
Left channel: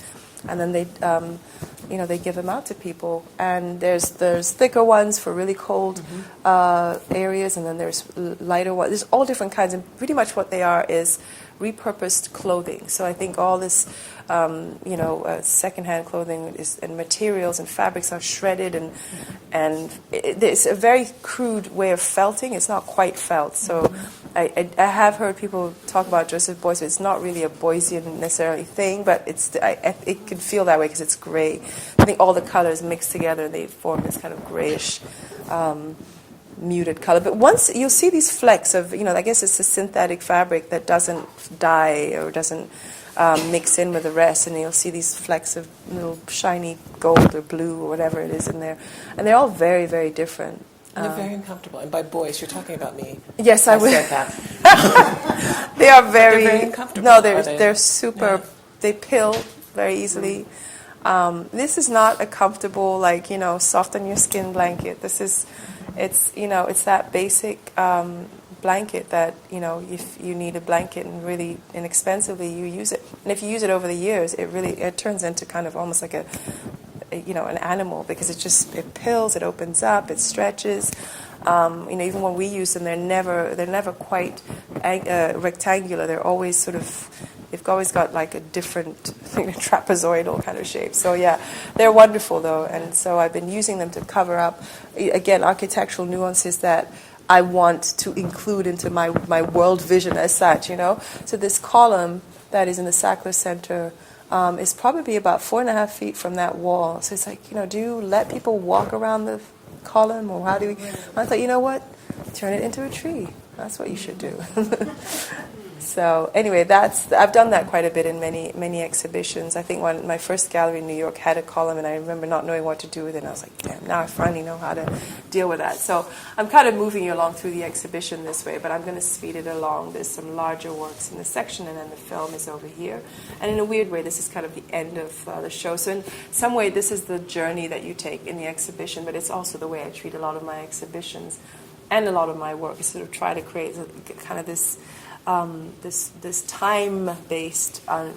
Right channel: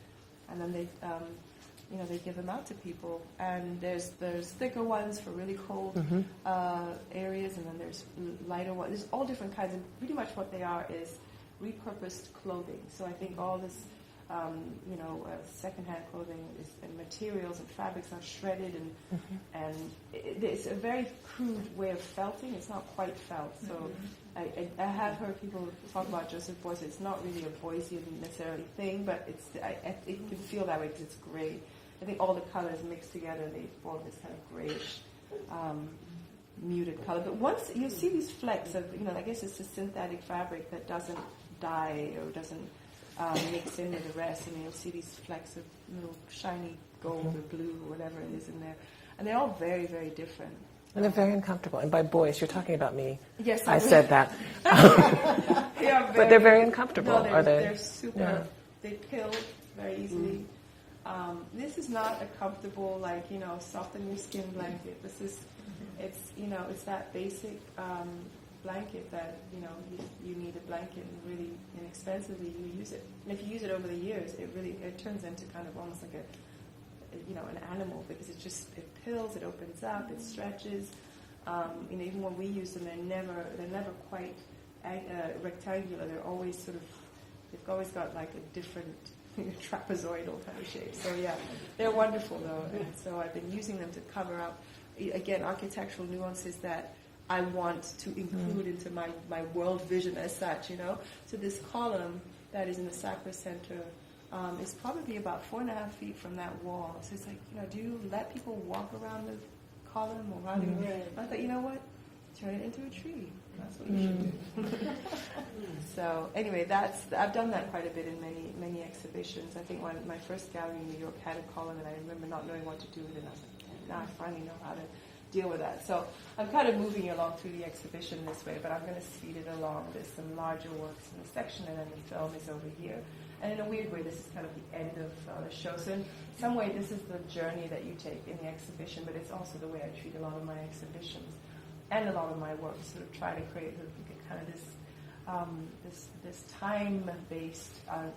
And then they give them out to people. And there's thicker ones for really cold areas, and then there's lighter ones. There's all different kinds, and pretty much what they are is repurposed clothing. So I think all this, secondhand clothing and materials and fabrics are shredded, and it's a very crude way of felting. It's not quite felt. So I have heard people talk about Joseph Beuys. It's not really a Beusian necessarily thing, but it can feel that way because it's gray. I think all the colors mix together and they form this kind of grayish, muted color. But once you'll see these flecks of, I guess it's a synthetic fabric that doesn't dye or doesn't mix in with the rest, and you'll see these flecks of little shiny gold or blue or whatever it is in there, and they're all very, very different. And they're very uncomfortable. And by Beuys, you're talking about me. Yes, I said that. They are they're very uncomfortable. No, they're super. Yeah. They pill very easily. This is not a comfortable, soft on your skin blanket. It's that basic blanket that if you need a blanket and really inexpensively, you use it. And if you use it over the years, it turns into kind of almost like an animal, because it pills, it opens up, it stretches. Even when we use them, they're never quite rectangular. They're always they've always got like a different trapezoidal kind of shape. So yeah, they're wonderful though, and so I've been using them to cover up again architectural nuances that I want to include into my world vision as such. So this column that is in the Sackler Center. Is probably about 4.5 feet from that wall. So it's like, do you let people walk around the column, or how do we? I thought, you know what? Turn it into a tree. That's what you should do. So anyway, I've done that quite a bit in many exhibitions. I think my first gallery in New York had a column, and I remember not knowing what to do with it. And I was like, damn, now I finally know how to deal with that. So I'm kind of moving you along through the exhibition this way, but I'm going to speed it along. There's some larger works in the section, and then the film is over here. And in a weird way, this is kind of the end of the show. So in some way, this is the journey that you take in the exhibition, but it's also the way I treat a lot of my exhibitions and a lot of my work. I sort of try to create kind of this time-based and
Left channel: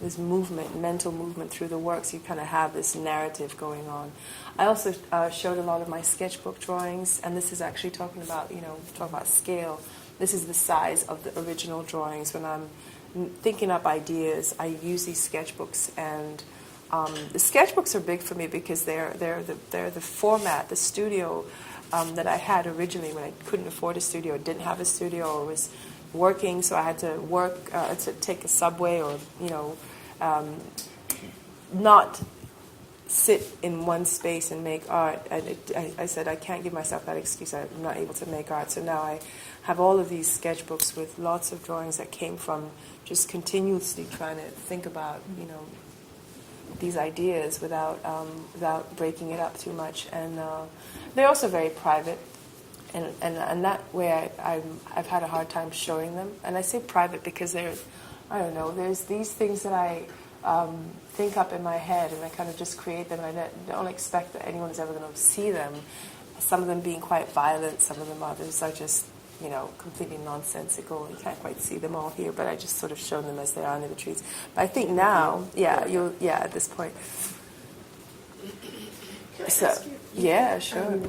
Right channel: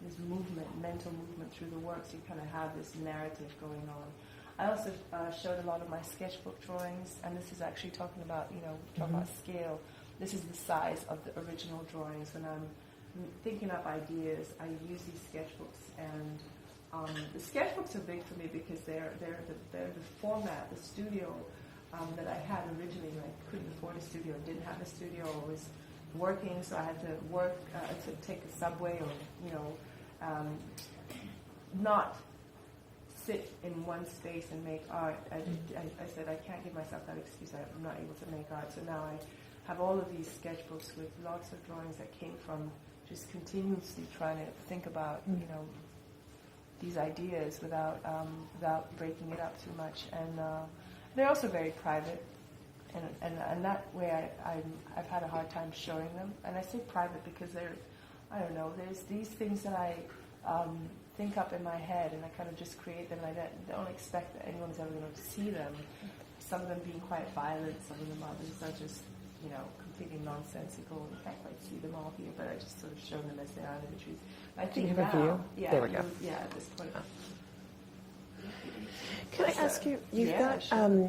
this movement, mental movement through the works. You kind of have this narrative going on. I also showed a lot of my sketchbook drawings, and this is actually talking about scale. This is the size of the original drawings. When I'm thinking up ideas, I use these sketchbooks, and the sketchbooks are big for me because they're the format, the studio that I had originally when I couldn't afford a studio, or didn't have a studio, or was working, so I had to work to take a subway, or not sit in one space and make art. I said I can't give myself that excuse. I'm not able to make art. So now I have all of these sketchbooks with lots of drawings that came from just continuously trying to think about these ideas without breaking it up too much. And they're also very private, and that way I've had a hard time showing them. And I say private because there's these things that I think up in my head, and I kind of just create them, and I don't expect that anyone is ever going to see them. Some of them being quite violent, some of them others are just completely nonsensical. You can't quite see them all here, but I just sort of show them as they are under the trees. But I think now, at this point. Can I ask you? Yeah, sure.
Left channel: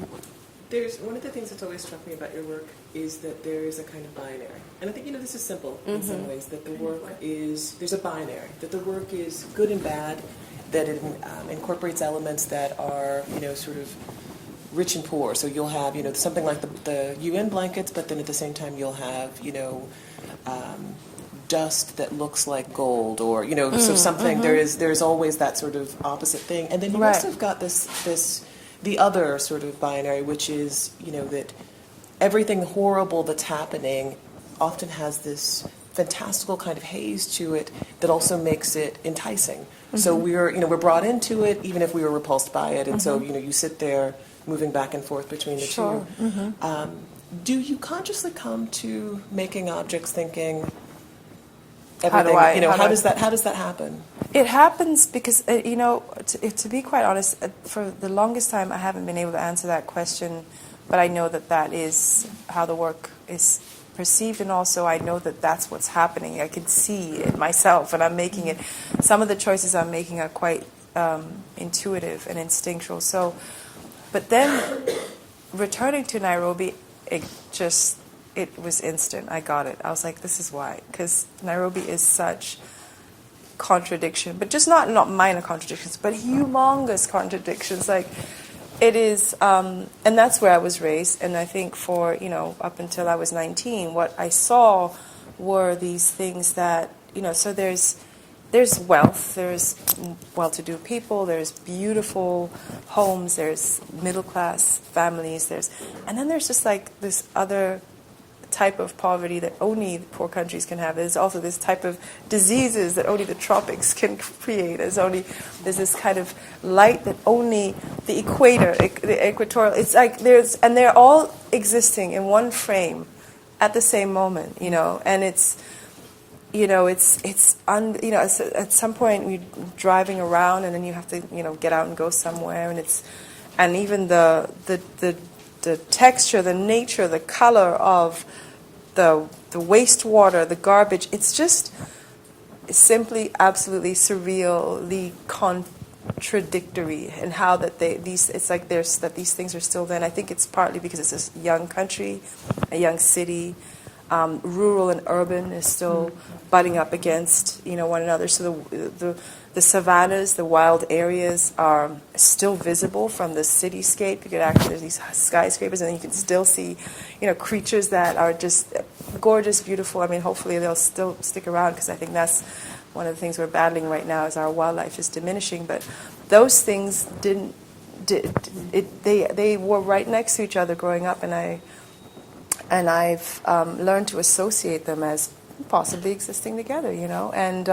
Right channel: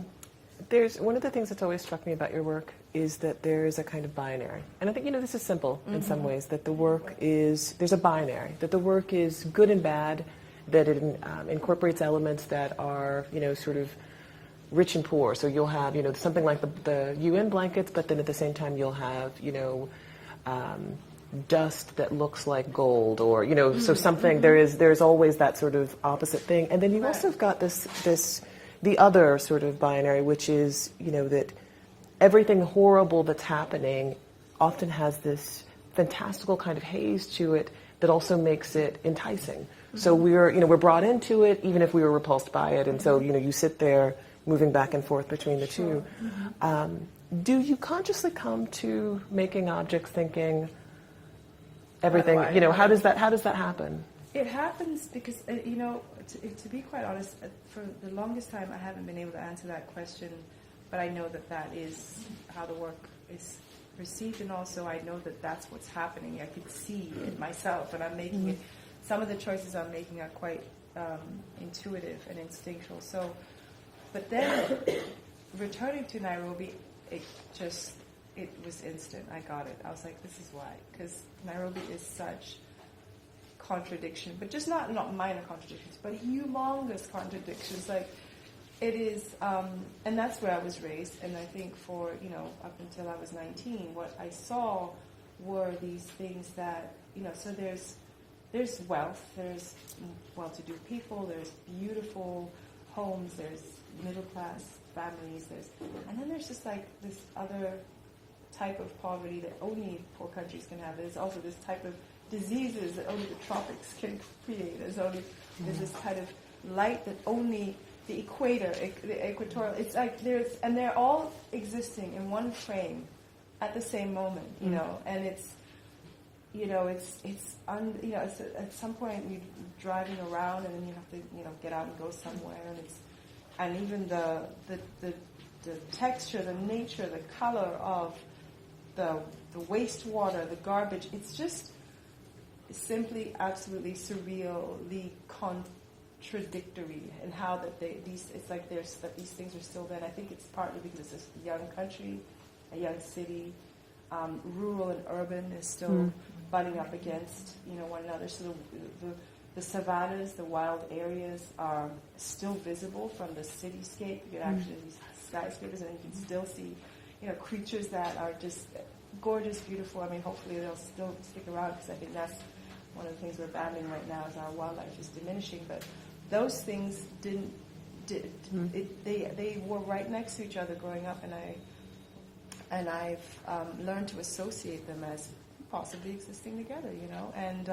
There's one of the things that's always struck me about your work is that there is a kind of binary, and I think this is simple in some ways. That the work there's a binary. That the work is good and bad. That it incorporates elements that are sort of rich and poor. So you'll have something like the UN blankets, but then at the same time you'll have dust that looks like gold, or so something. There's always that sort of opposite thing, and then you Right. also have got this the other sort of binary, which is that everything horrible that's happening often has this fantastical kind of haze to it that also makes it enticing. So we're brought into it even if we were repulsed by it, and so you sit there moving back and forth between the Sure. two. Do you consciously come to making objects thinking everything? How does that happen? It happens because, to be quite honest, for the longest time I haven't been able to answer that question, but I know that is how the work is perceived, and also I know that that's what's happening. I can see it myself, and I'm making it. Some of the choices I'm making are quite intuitive and instinctual. So, but then returning to Nairobi, it was instant. I got it. I was like, this is why, because Nairobi is such contradiction, but just not minor contradictions, but humongous contradictions. Like, it is, and that's where I was raised. And I think for up until I was 19, what I saw were these things that So there's wealth, there's well-to-do people, there's beautiful homes, there's middle-class families, and then there's just like this other type of poverty that only poor countries can have. There's also this type of diseases that only the tropics can create. There's this kind of light that only the equator, the equatorial. It's like they're all existing in one frame at the same moment, and it's. At some point you're driving around, and then you have to, get out and go somewhere, and even the texture, the nature, the color of the wastewater, the garbage, it's just simply absolutely surreally contradictory, and how that these things are still there. And I think it's partly because it's a young country, a young city. Rural and urban is still butting up against one another. So the savannas, the wild areas are still visible from the cityscape. You could actually, there's these skyscrapers, and then you can still see creatures that are just gorgeous, beautiful. I mean, hopefully they'll still stick around, because I think that's one of the things we're battling right now, is our wildlife is diminishing. But those things they were right next to each other growing up, and I've learned to associate them as possibly existing together, And,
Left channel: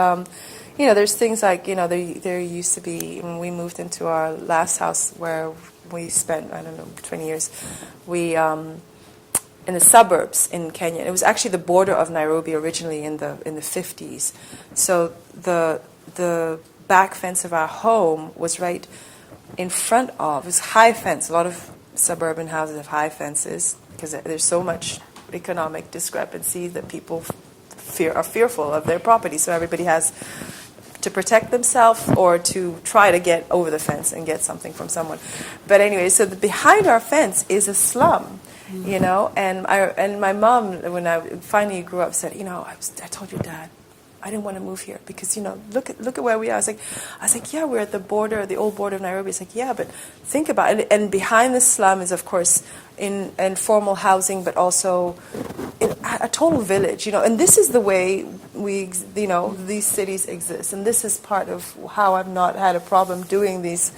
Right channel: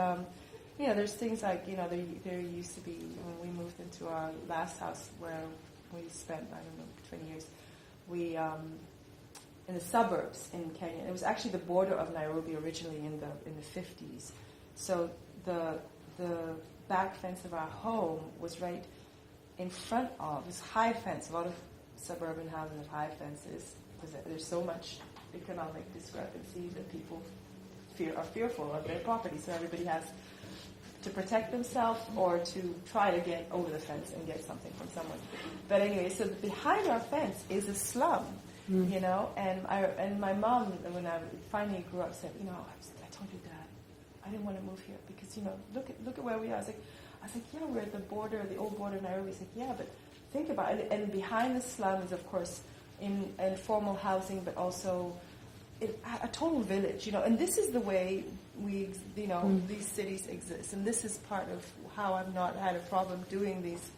there's things like, there used to be, when we moved into our last house where we spent, 20 years, in the suburbs in Kenya. It was actually the border of Nairobi originally in the 50s. So the back fence of our home was right in front of, it was high fence. A lot of suburban houses have high fences, because there's so much economic discrepancy that people are fearful of their property. So everybody has to protect themselves or to try to get over the fence and get something from someone. But anyway, so behind our fence is a slum, And my mom, when I finally grew up, said, I told your dad, I didn't want to move here because, look at where we are. I was like, yeah, we're at the border, the old border of Nairobi. It's like, yeah, but think about it. And behind the slum is, of course, informal housing, but also a total village, And this is the way these cities exist. And this is part of how I've not had a problem doing these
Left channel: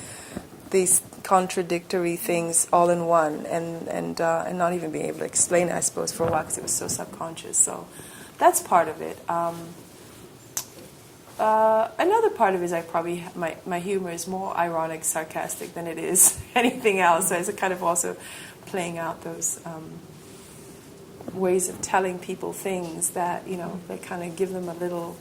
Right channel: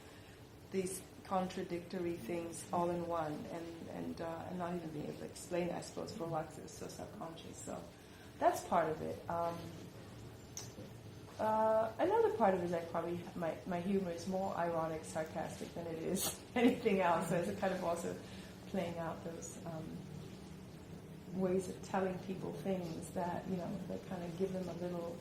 contradictory things all in one, and not even being able to explain it, I suppose, for a while, because it was so subconscious. So that's part of it. Another part of it is my humor is more ironic, sarcastic than it is anything else. So it's kind of also playing out those ways of telling people things that, they kind of give them a little,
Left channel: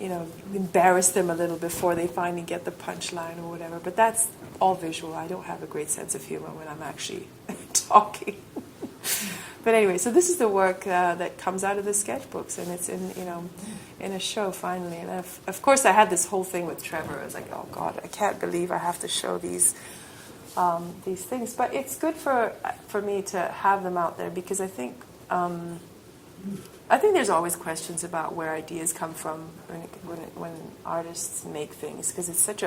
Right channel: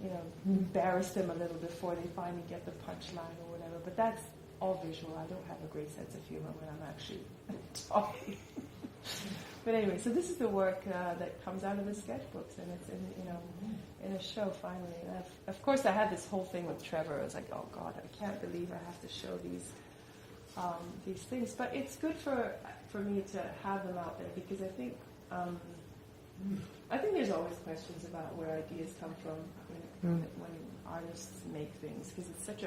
embarrass them a little before they finally get the punchline or whatever. But that's all visual. I don't have a great sense of humor when I'm actually talking. But anyway, so this is the work that comes out of the sketchbooks, and it's in a show finally. And of course, I had this whole thing with Trevor. I was like, oh God, I can't believe I have to show these things. But it's good for me to have them out there, because I think there's always questions about where ideas come from when artists make things, because it's such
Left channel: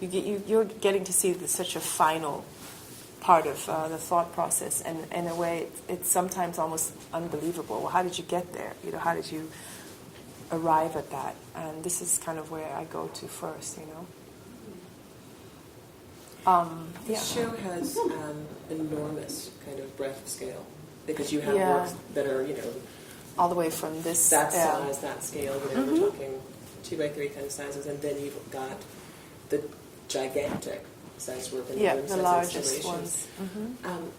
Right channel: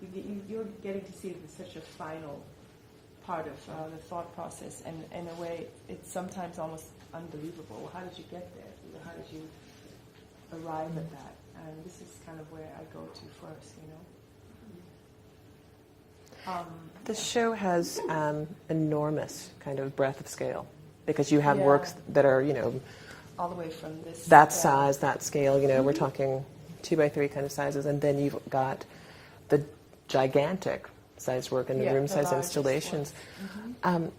you're getting to see such a final part of the thought process, and in a way, it's sometimes almost unbelievable. Well, how did you get there? You know, how did you arrive at that? And this is kind of where I go to first. You know. This show has enormous kind of breadth of scale, because you have works that are, you know, all the way from this that size, that scale. You know, we're talking 2x3 kind of sizes, and then you've got the gigantic size work and the room size installations.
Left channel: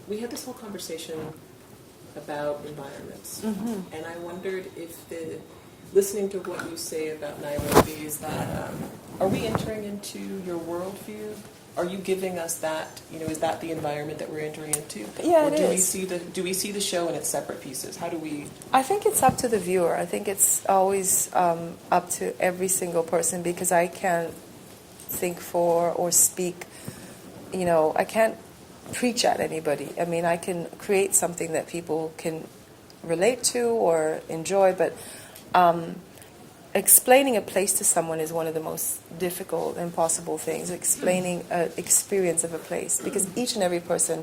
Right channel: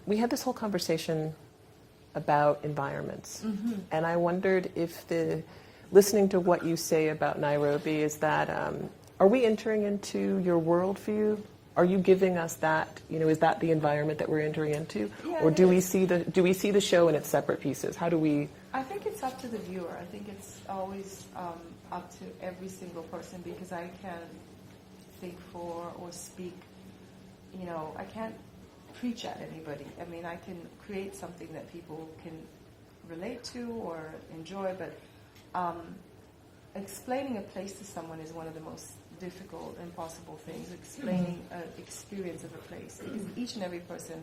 We had this whole conversation about environments, and I wondered if listening to what you say about Nairobi, is that are we entering into your worldview? Are you giving us that? You know, is that the environment that we're entering into? Yeah, or do we see the show in its separate pieces? How do we? I think it's up to the viewer. I think it's always up to every single person, because I can't think for or speak. You know, I can't preach at anybody. I mean, I can create something that people can relate to or enjoy, but explaining a place to someone is one of the most difficult, impossible things. Explaining an experience of a place, because each and every person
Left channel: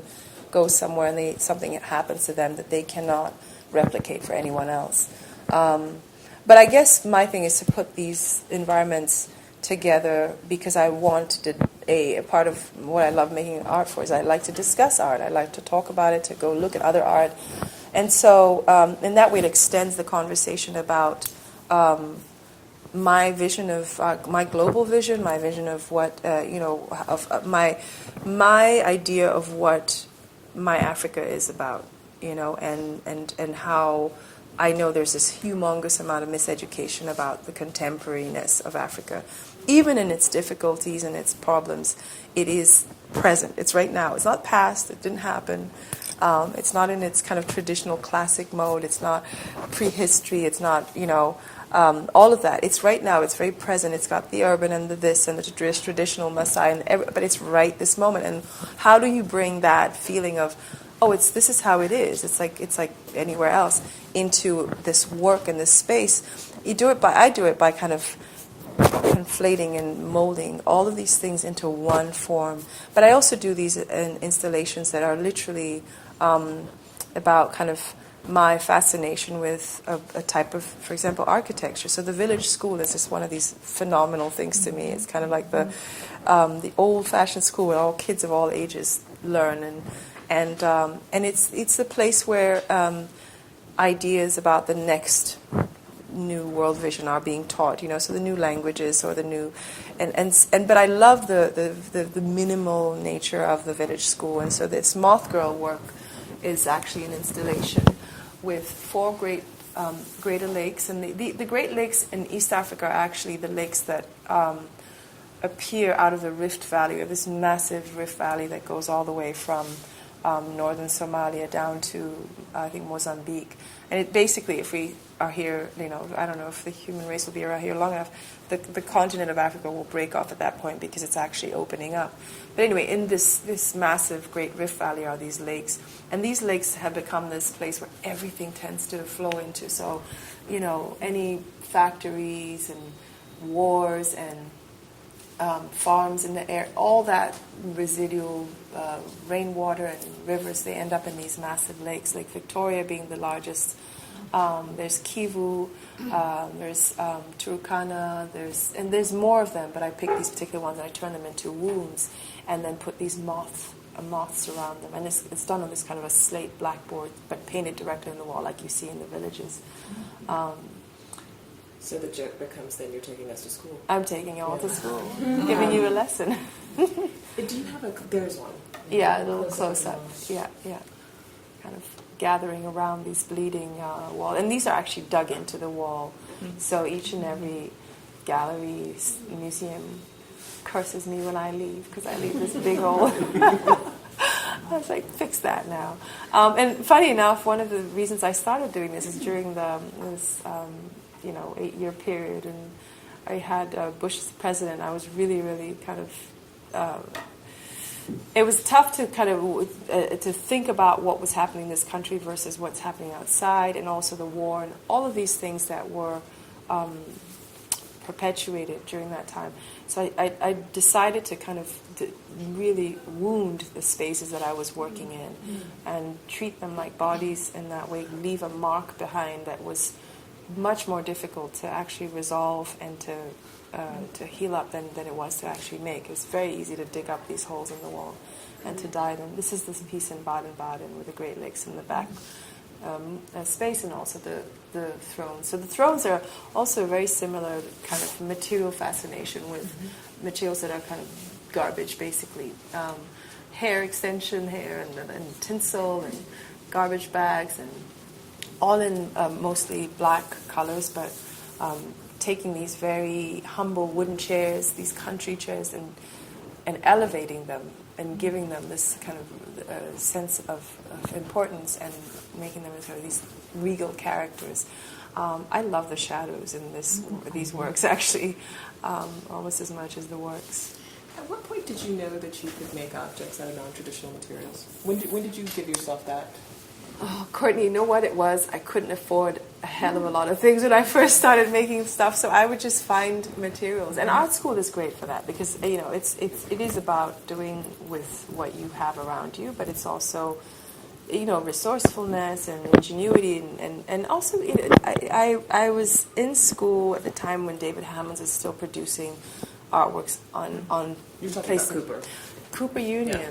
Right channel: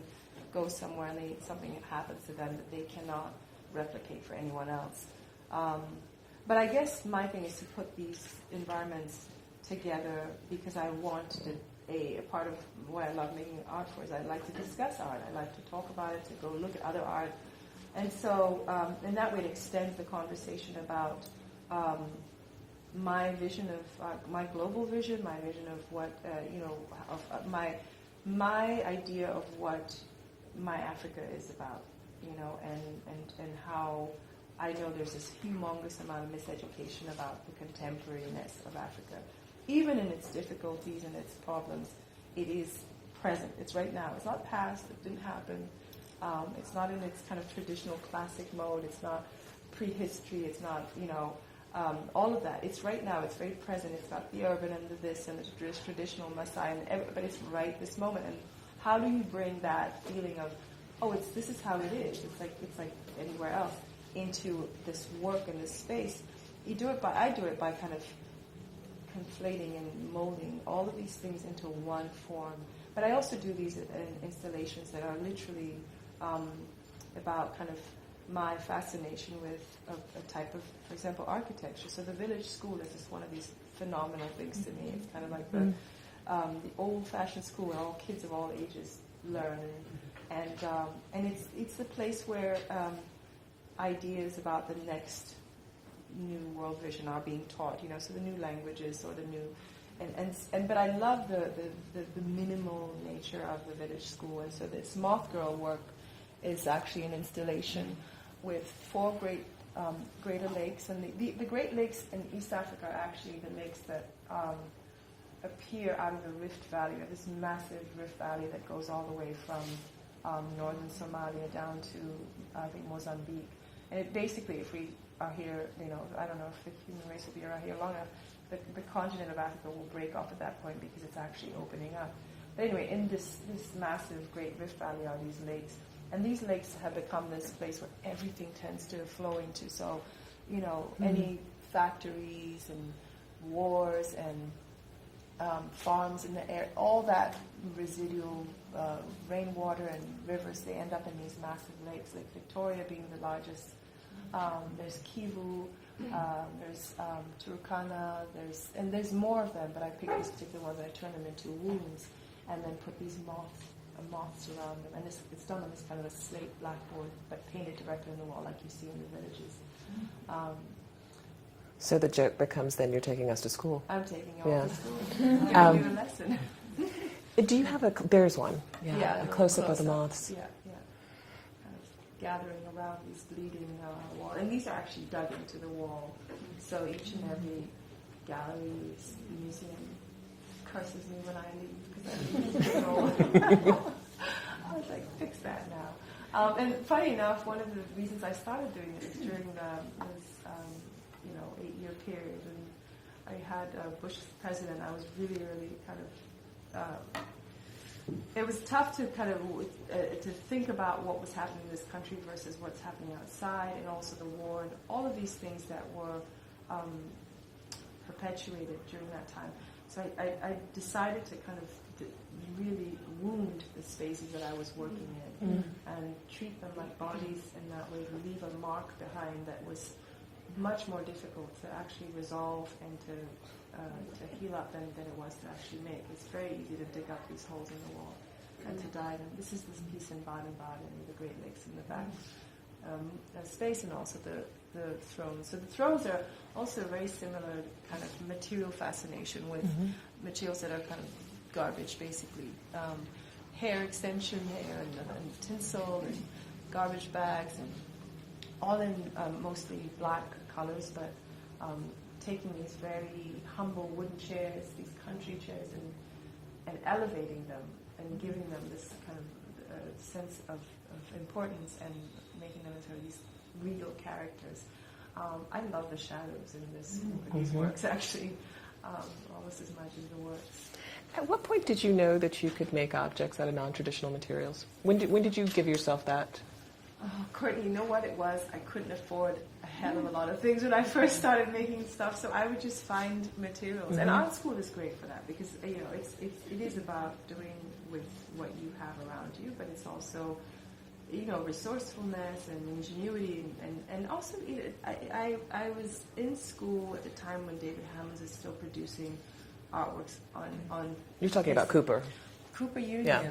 goes somewhere and something happens to them that they cannot replicate for anyone else. But I guess my thing is to put these environments together, because I want a part of what I love making art for is I like to discuss art. I like to talk about it, to go look at other art. And so in that way it extends the conversation about my vision of my global vision, my vision of what my idea of what my Africa is about, and how I know there's this humongous amount of miseducation about the contemporariness of Africa. Even in its difficulties and its problems, it is present. It's right now. It's not past. It didn't happen. It's not in its kind of traditional classic mode. It's not prehistory. It's not, all of that. It's right now. It's very present. It's got the urban and the this and the traditional Maasai, but it's right this moment. And how do you bring that feeling of, this is how it is. It's like anywhere else, into this work and this space. I do it by kind of conflating and molding all of these things into one form. But I also do these installations that are literally about kind of my fascination with a type of, for example, architecture. So the village school is just one of these phenomenal things to me. It's kind of like the old-fashioned school where all kids of all ages learn, and it's the place where ideas about the next new world vision are being taught, so the new languages or the new, but I love the minimal nature of the village school. And so this Moth Girl work is actually an installation with 4 greater lakes, and the Great Lakes in East Africa are actually the lakes that appear out of the Rift Valley. We have this massive Rift Valley that goes all the way from northern Somalia down to I think Mozambique. And it basically, if we are here, I don't know if the human race will be around here long enough, the continent of Africa will break off at that point, because it's actually opening up. But anyway, in this massive Great Rift Valley are these lakes, and these lakes have become this place where everything tends to flow into. So, any factories and wars and farms in the air, all that residual rainwater and rivers, they end up in these massive lakes. Lake Victoria being the largest. There's Kivu, there's Turkana, there's more of them, but I pick these particular ones and I turn them into wombs, and then put these moths around them. And it's done on this kind of a slate blackboard, but painted directly on the wall like you see in the villages. So the joke becomes, then you're taking us to school. I'm taking you all to school, giving you a lesson. Do you have there's one. Yeah, a little close-up close of the up. moths. Yeah. Kind of gathering around these bleeding wall. And these are actually dug into the wall. So each and every gallery, museum curses me when I leave, because I leave this big hole. I was like, fix that now. And funny enough, one of the reasons I started doing this is during this 8-year period, and I had Bush as president. I was really, really kind of it was tough to kind of to think about what was happening in this country versus what's happening outside, and also the war and all of these things that were perpetuated during that time. So I decided to kind of really wound the spaces that I was working in and treat them like bodies in that way, leave a mark behind that was much more difficult to actually resolve and to heal up than it was to actually make. It was very easy to dig up these holes in the wall and to dye them. This is this piece in Baden-Baden with the Great Lakes in the back space, and also the thrones. So the thrones are also very similar kind of material fascination with materials that are kind of garbage, basically. Hair extension, and tinsel, and garbage bags, and all in mostly black colors, but taking these very humble wooden chairs, these country chairs, and elevating them and giving them this kind of sense of importance and making them into these regal characters. I love the shadows in these works, actually, almost as much as the works. At what point did you know that you could make objects out of non-traditional materials? When did you give yourself that? Oh, Courtney, you know what it was? I couldn't afford a hell of a lot of things when I first started making stuff, so I would just find materials. And art school is great for that because it is about doing with what you have around you, but it's also resourcefulness and ingenuity, and also I was in school at the time when David Hammons was still producing artworks on. You're talking about Cooper Union. Yeah.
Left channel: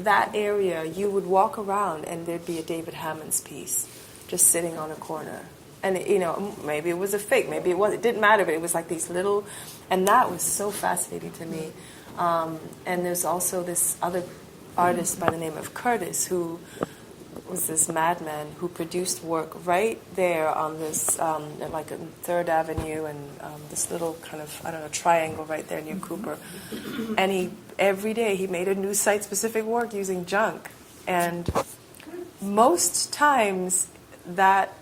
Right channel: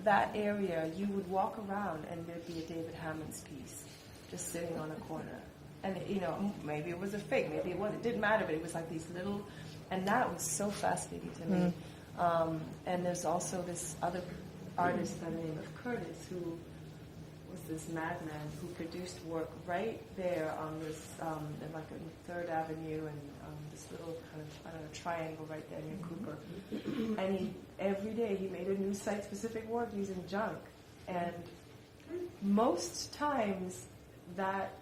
That area, you would walk around and there'd be a David Hammons piece just sitting on a corner. And, maybe it was a fake, maybe it wasn't. It didn't matter, but it was like these little... And that was so fascinating to me. And there's also this other artist by the name of Curtis, who was this madman who produced work right there on this, like on 3rd Avenue and this little kind of, triangle right there near Cooper. And every day he made a new site-specific work using junk. And most times that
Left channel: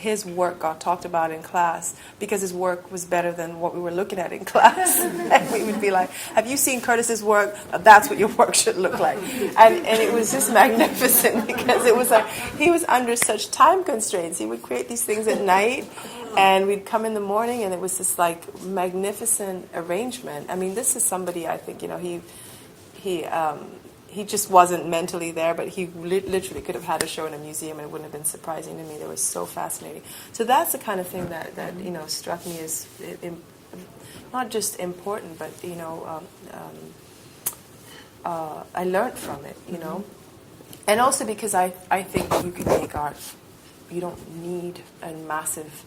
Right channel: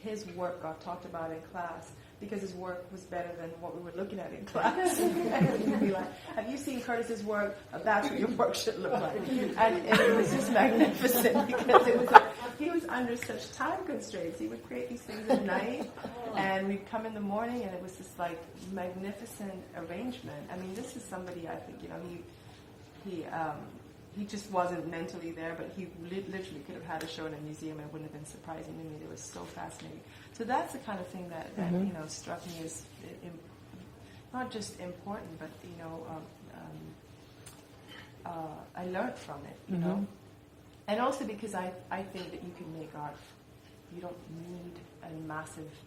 his work got talked about in class because his work was better than what we were looking at in class. And we would be like, have you seen Curtis's work? That's what your work should look like. And it was just magnificent because it was like he was under such time constraints. He would create these things at night and we'd come in the morning and it was this like magnificent arrangement. I mean, this is somebody I think, he just wasn't mentally there, but he literally could have had a show in a museum and it wouldn't have been surprising to me. It was so fascinating. So that's the kind of thing that struck me as not just important, but I learned from it, and also because I think you can make art. You don't need a massive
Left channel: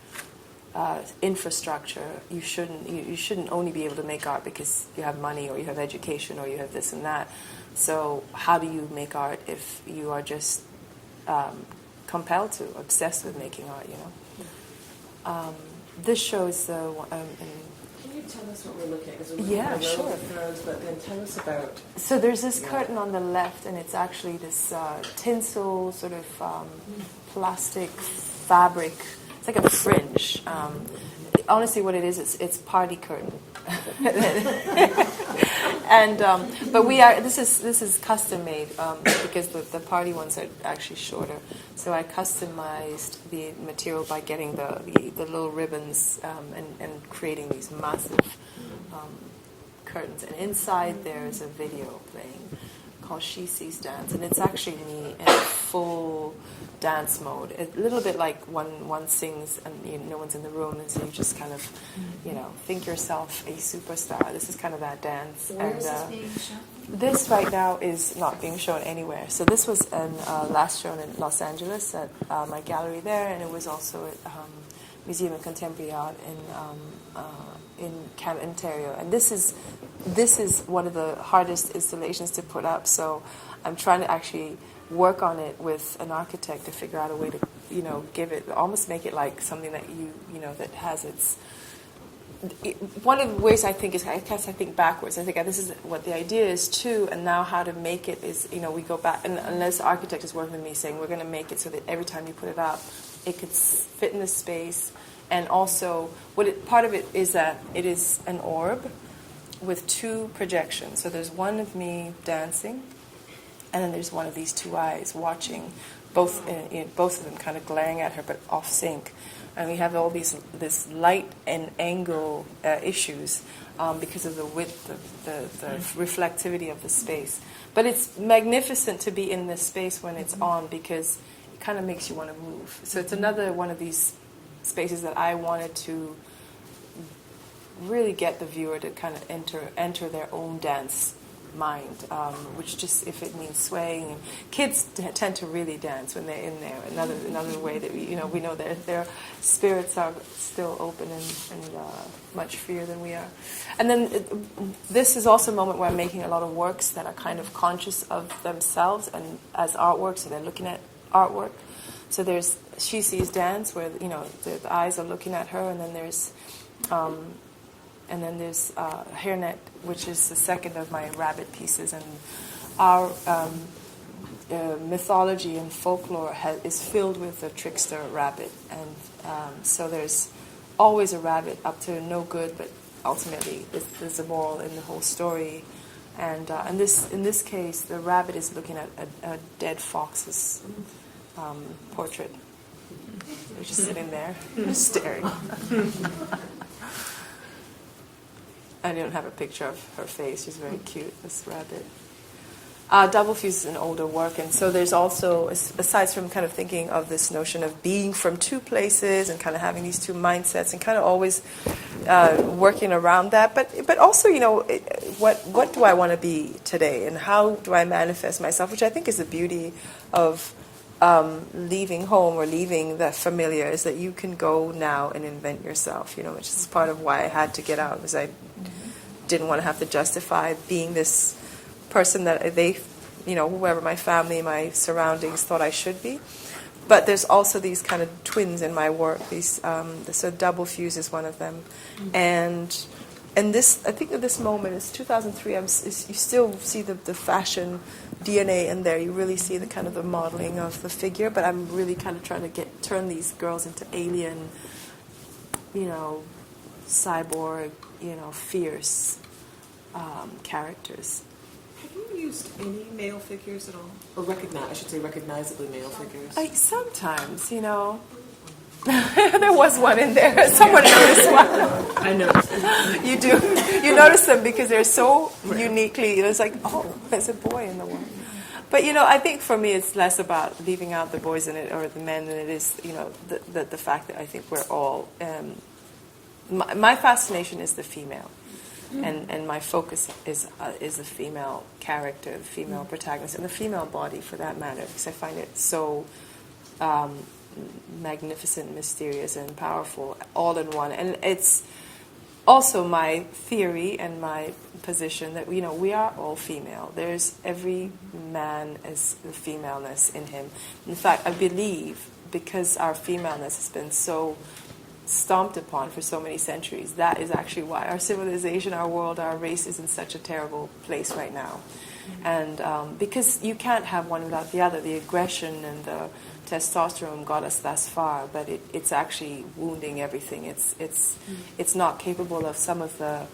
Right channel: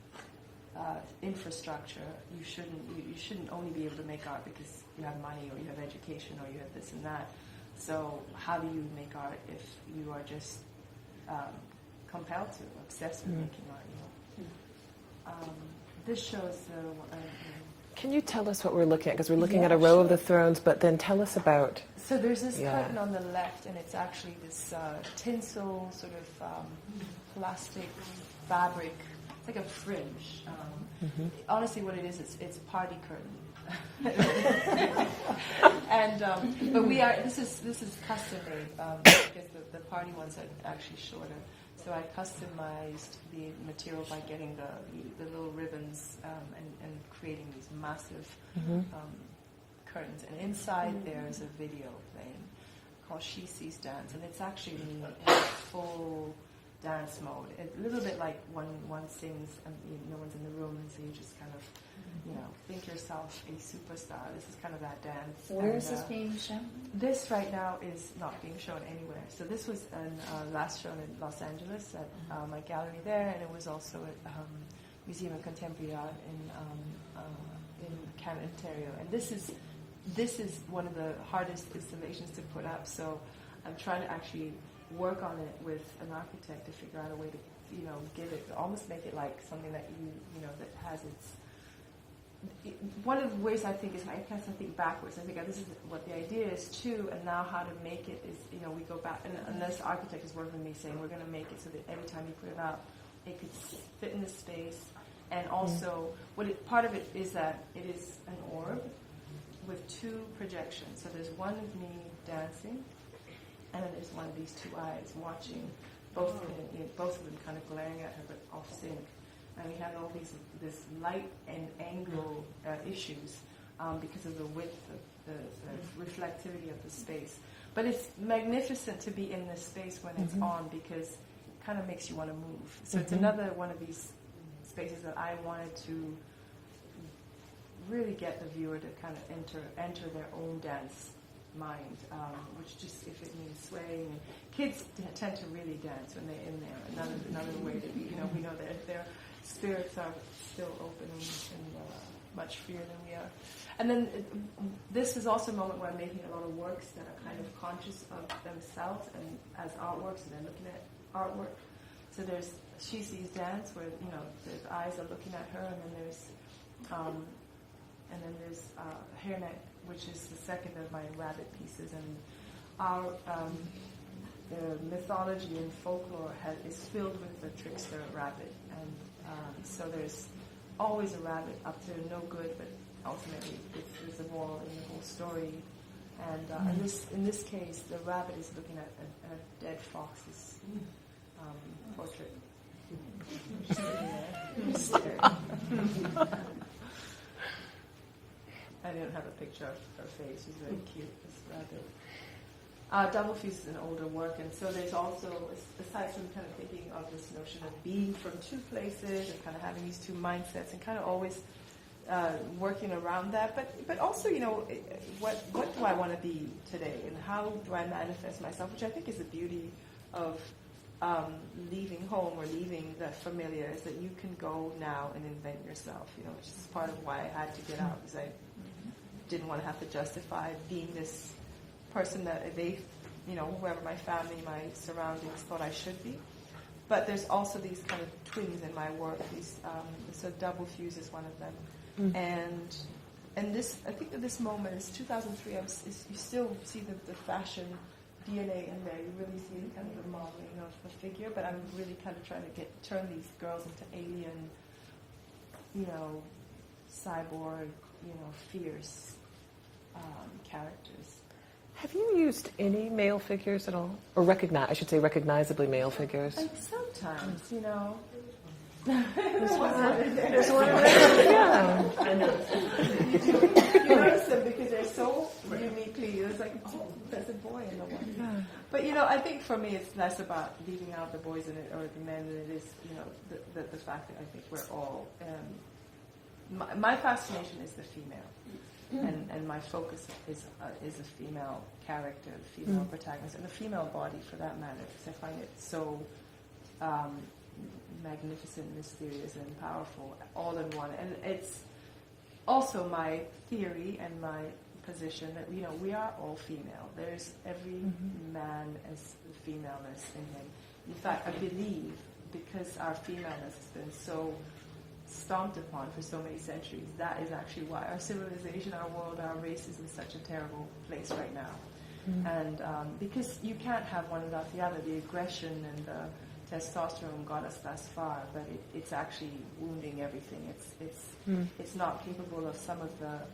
infrastructure. You shouldn't only be able to make art because you have money or you have education or you have this and that. So how do you make art if you are just compelled to, obsessed with making art, This shows the... Can you tell us what we're looking at? Because we're looking at a row of the thrones, but then tell us about... So there's this curtain on the left, and it's actually this tinsel, sort of plastic fabric. It's like a fringe. Honestly, what it is, it's party curtain. And but this is custom made because the party ones are actually shorter. So I customized the material by getting the little ribbons and creating these massive curtains. And inside there's a video playing called She Sees Dance, and it's actually me in full dance mode. A little bit like when one sings and no one's in the room, and so you just kind of, think yourself a superstar. This is kind of that dance. Where is this being shown? This right now is not being shown anywhere. So this was last shown in Los Angeles at my gallery there, and it was also at Museum of Contemporary Art in Canada, Ontario. And this is one of the hardest installations to put up. So I'm trying to actually work on it with an architect to figure out a way to, give it, almost make it like something that that has its... One of the ways I think is, I think backwards. I think this is what the idea is too, and now how to make it is, we go back, and unless the architect is working with me saying, we're going to make it so that every time you put it up, it could fit in the space, and also, part of it is that it is an orb with 2 projections. So there's one of me dancing, and then there's one of these 2 eyes watching, both of them kind of glaring at her, but off sync. And we have all this light and angle issues because of the width, the reflectivity of the space. But it's magnificent to be in this space when it's on, because it kind of makes you want to move. So it's another one of these spaces that I wanted to really get the viewer to kind of enter their own dance mind, which just, if it means swaying, and kids tend to really dance when they're in there. Another way that we know their spirits are still open and much freer than we are. And then this is also a moment where I'm making a lot of works that are kind of conscious of themselves and as artwork, so they're looking at artwork. So there's She Sees Dance, where the eyes are looking at her, and then there's Hairnet, which is the second of my rabbit pieces. And our mythology and folklore is filled with a trickster rabbit, and so there's always a rabbit up to no good, but ultimately there's a moral in the whole story. And in this case, the rabbit is looking at a dead fox's portrait. They're just sitting there, staring. I don't have a picture of her face. She's very cute, this rabbit. Double Fuse is an older work, and so there's also, aside from kind of thinking of this notion of being from two places and kind of having these two mindsets and kind of always working around that, but also, what do I want to be today, and how do I manifest myself, which I think is the beauty of leaving home or leaving the familiar, is that you can go now and invent yourself, which is part of why I had to get out, because I didn't want to have to justify being this person that they, whoever my family, my surroundings thought I should be. But there's also these kind of twins in my work. These, so Double Fuse is one of them, and this, I think at this moment, it's 2003. You still see the fashion DNA in there. You really see the kind of the modeling of the figure. But I'm really kind of trying to turn these girls into alien, cyborg, fierce characters. Have you used any male figures at all? Or recognizably male figures? Sometimes, There was one in there. Someone noticed one. I noticed. You do. You notice them because they're so uniquely, it's like, oh, there's a boy in the one. But, I think for me it's less about leaving out the boys in it or the men than it is, the fact that I think we're all... my fascination is the female. And my focus is the female character, the female protagonist, and the female body for that matter, because I find it so magnificent, mysterious, and powerful all in one. And it's also my theory and my position that we are all female. There's every man as the femaleness in him. In fact, I believe because our femaleness has been so stomped upon for so many centuries, that is actually why our civilization, our world, our race is in such a terrible place right now. And because you can't have one without the other. The aggression and the testosterone got us thus far, but it's actually wounding everything. It's not capable of some of the